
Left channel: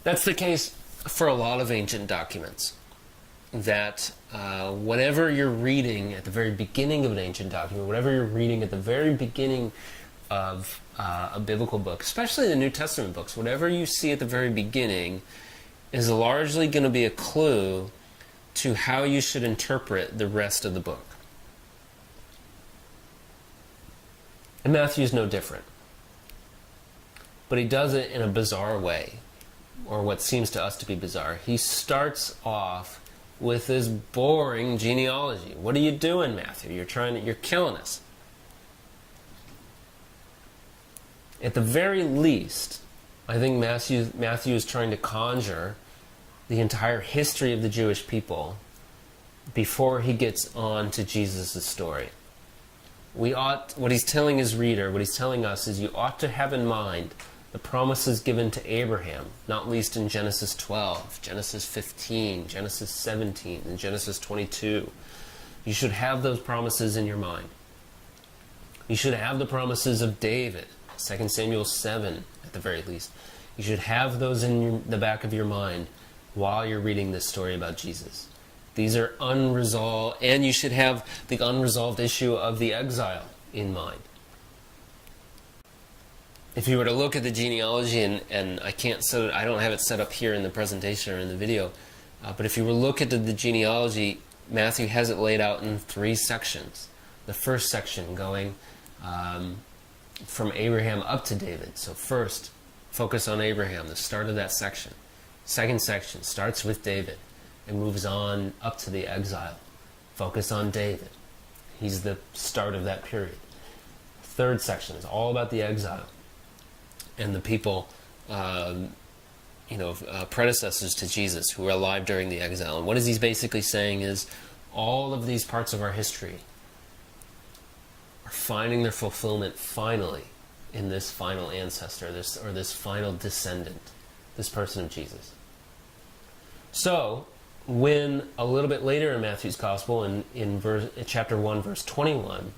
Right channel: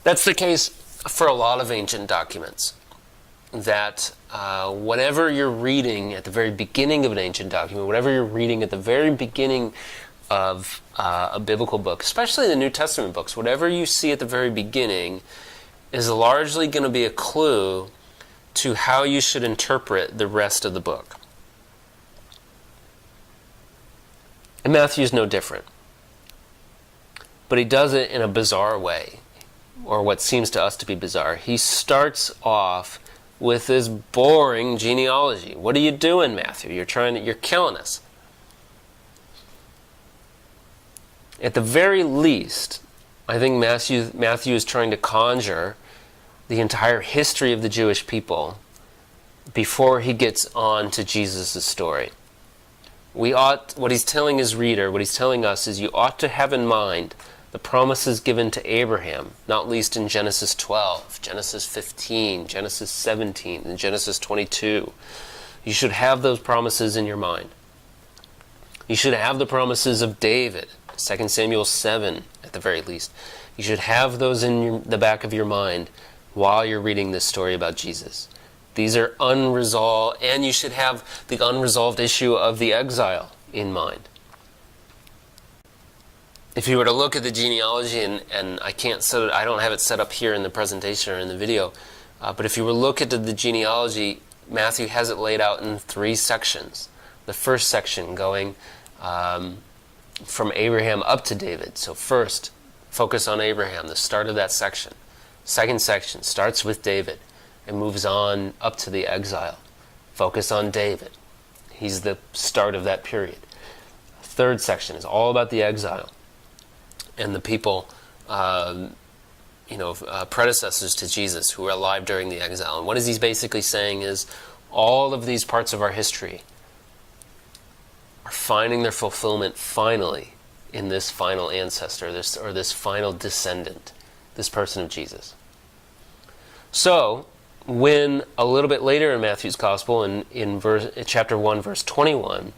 That's the case for a lot of ancient documents. That whatever you're reading at the very beginning of an ancient document, whatever you're reading at the very beginning of a biblical book, especially the New Testament books, whatever you see at the very beginning is largely going to be a clue to how you should interpret the rest of the book. And Matthew's no different. But he does it in a bizarre way, or what seems to us to be bizarre. He starts off with this boring genealogy. What are you doing, Matthew? You're killing us. At the very least, I think Matthew is trying to conjure the entire history of the Jewish people before he gets on to Jesus' story. What he's telling his reader, what he's telling us is, you ought to have in mind the promises given to Abraham, not least in Genesis 12, Genesis 15, Genesis 17, and Genesis 22. You should have those promises in your mind. You should have the promises of David, 2 Samuel 7 at the very least. You should have those in the back of your mind while you're reading this story about Jesus. These are unresolved, and you should have the unresolved issue of the exile in mind. If you were to look at the genealogy, and I don't have it set up here in the presentation or in the video, But if you were look at the genealogy, Matthew has it laid out in 3 sections. The first section going from Abraham up to David. So first, focus on Abraham, the start of that section. Second section starts with David and moves on up to the exile. Focus on David. He's the start of that period. Third section is all about the exile and the people, predecessors to Jesus who were alive during the exile. And what he's basically saying is all of these parts of our history are finding their fulfillment finally in this final ancestor, this final descendant, this person of Jesus. So, when a little bit later in Matthew's Gospel, in chapter 1, verse 21,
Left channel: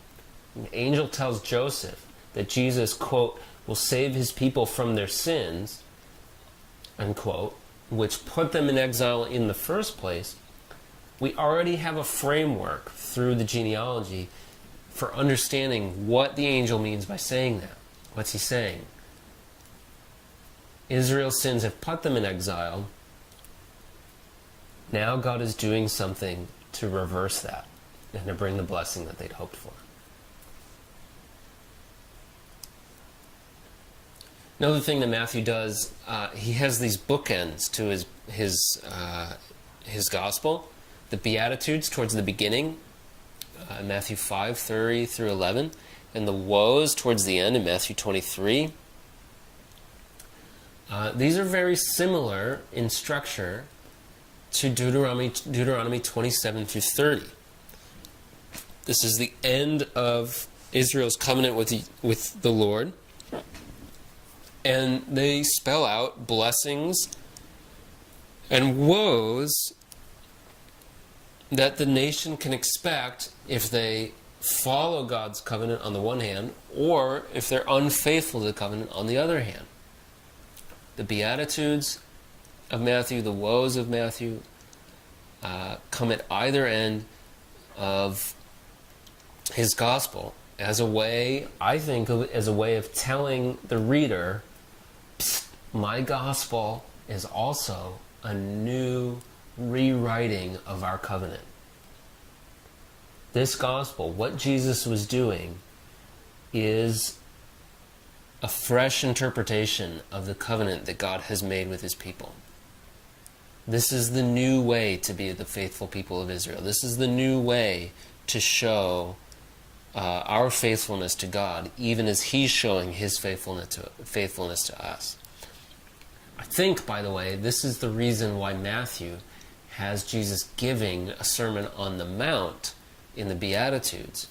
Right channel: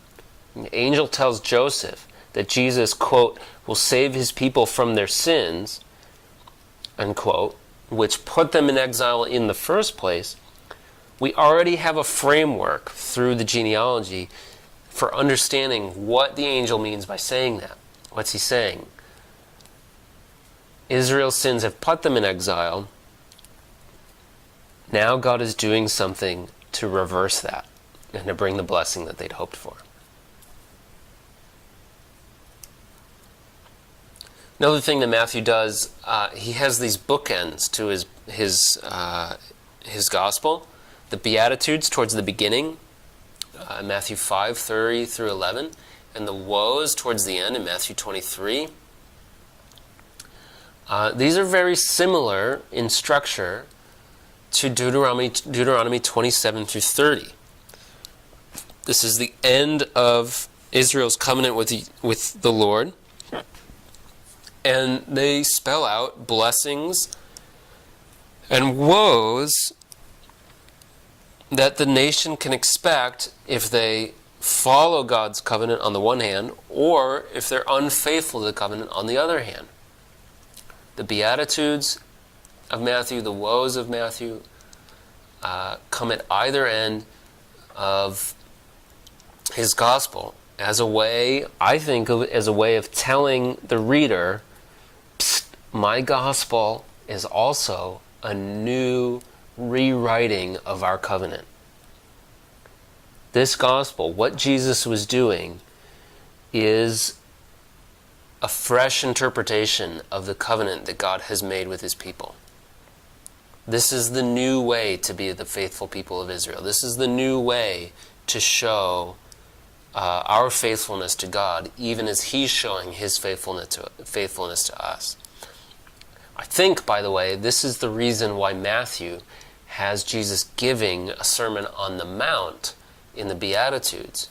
the angel tells Joseph that Jesus, quote, will save his people from their sins, unquote, which put them in exile in the first place, we already have a framework through the genealogy for understanding what the angel means by saying that. What's he saying? Israel's sins have put them in exile. Now God is doing something to reverse that and to bring the blessing that they'd hoped for. Another thing that Matthew does, he has these bookends to his gospel. The Beatitudes towards the beginning, Matthew 5:30 through 11, and the woes towards the end in Matthew 23. These are very similar in structure to Deuteronomy 27 through 30. This is the end of Israel's covenant with the Lord. And they spell out blessings and woes that the nation can expect if they follow God's covenant on the one hand, or if they're unfaithful to the covenant on the other hand. The Beatitudes of Matthew, the woes of Matthew, come at either end of his gospel as a way, I think of it as a way of telling the reader, my gospel is also a new rewriting of our covenant. This gospel, what Jesus was doing, is a fresh interpretation of the covenant that God has made with his people. This is the new way to be the faithful people of Israel. This is the new way to show our faithfulness to God, even as he's showing his faithfulness to us. I think, by the way, this is the reason why Matthew has Jesus giving a Sermon on the Mount in the Beatitudes.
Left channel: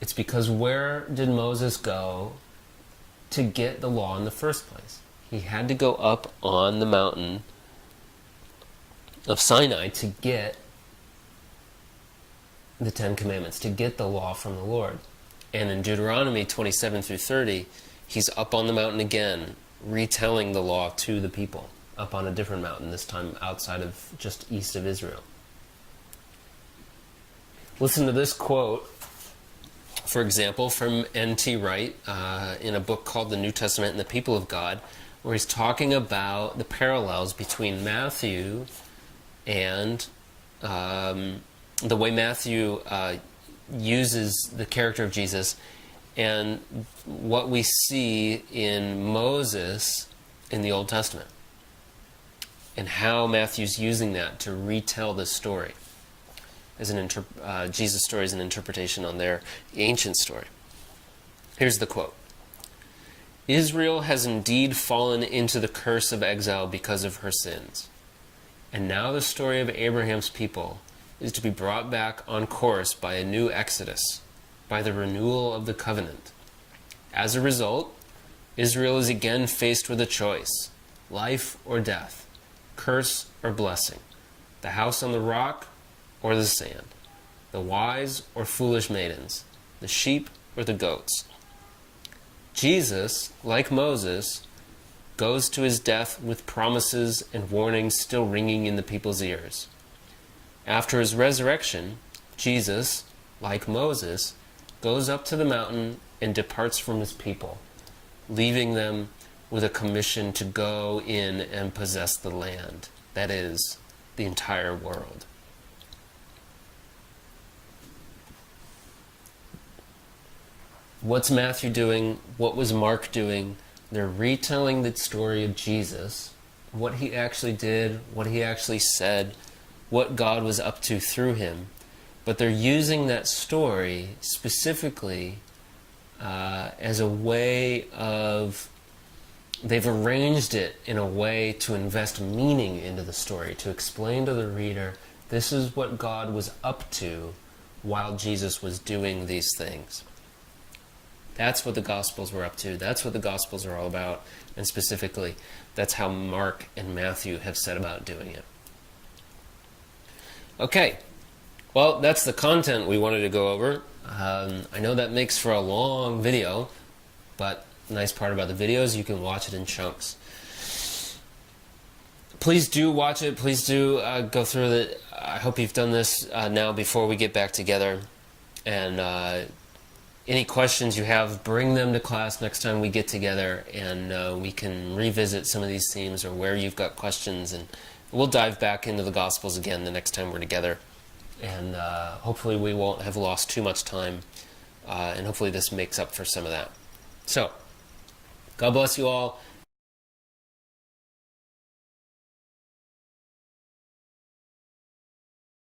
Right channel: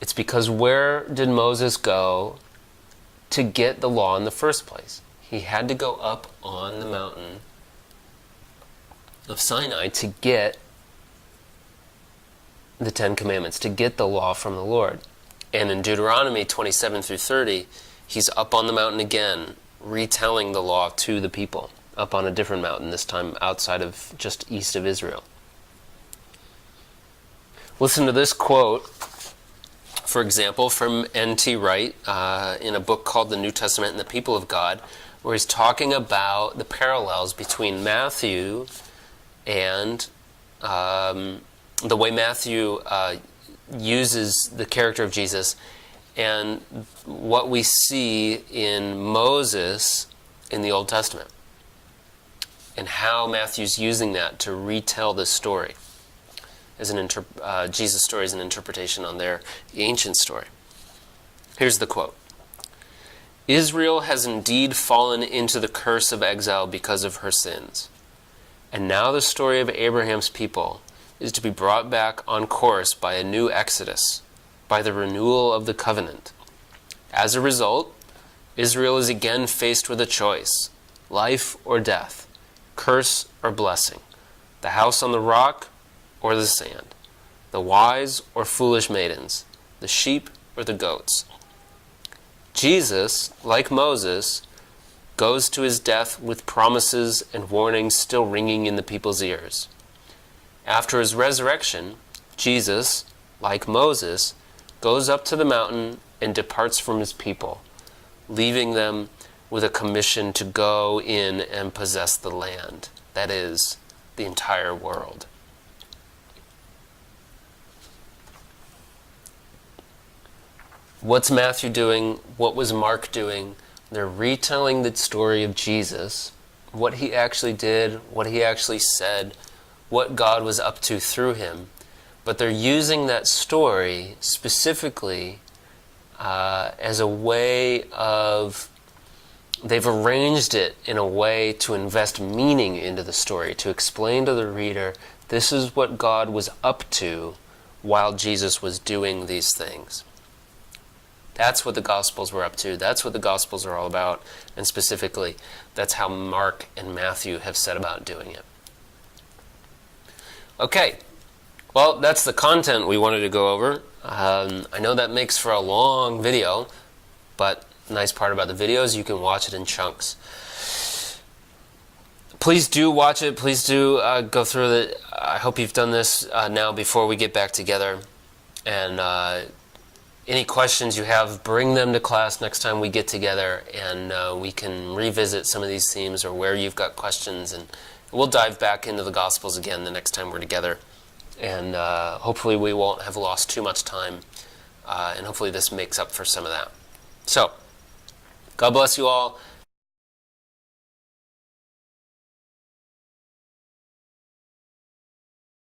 It's because where did Moses go to get the law in the first place? He had to go up on the mountain of Sinai to get the Ten Commandments, to get the law from the Lord. And in Deuteronomy 27 through 30, he's up on the mountain again, retelling the law to the people, up on a different mountain, this time outside of, just east of Israel. Listen to this quote, for example, from N.T. Wright in a book called The New Testament and the People of God, where he's talking about the parallels between Matthew and the way Matthew uses the character of Jesus and what we see in Moses in the Old Testament, and how Matthew's using that to retell this story as Jesus' story as an interpretation on their ancient story. Here's the quote. Israel has indeed fallen into the curse of exile because of her sins. And now the story of Abraham's people is to be brought back on course by a new exodus, by the renewal of the covenant. As a result, Israel is again faced with a choice, life or death, curse or blessing, the house on the rock or the sand, the wise or foolish maidens, the sheep or the goats. Jesus, like Moses, goes to his death with promises and warnings still ringing in the people's ears. After his resurrection, Jesus, like Moses, goes up to the mountain and departs from his people, leaving them with a commission to go in and possess the land that is, the entire world. What's Matthew doing? What was Mark doing? They're retelling the story of Jesus, what he actually did, what he actually said, what God was up to through him. But they're using that story specifically as a way of, they've arranged it in a way to invest meaning into the story, to explain to the reader, this is what God was up to while Jesus was doing these things. That's what the Gospels were up to. That's what the Gospels are all about. And specifically, that's how Mark and Matthew have set about doing it. Okay, well, that's the content we wanted to go over. I know that makes for a long video, but the nice part about the video is you can watch it in chunks. Please do watch it. Please do go through it. I hope you've done this now before we get back together. And any questions you have, bring them to class next time we get together, and we can revisit some of these themes or where you've got questions, and we'll dive back into the Gospels again the next time we're together. And hopefully we won't have lost too much time, and hopefully this makes up for some of that. So, God bless you all.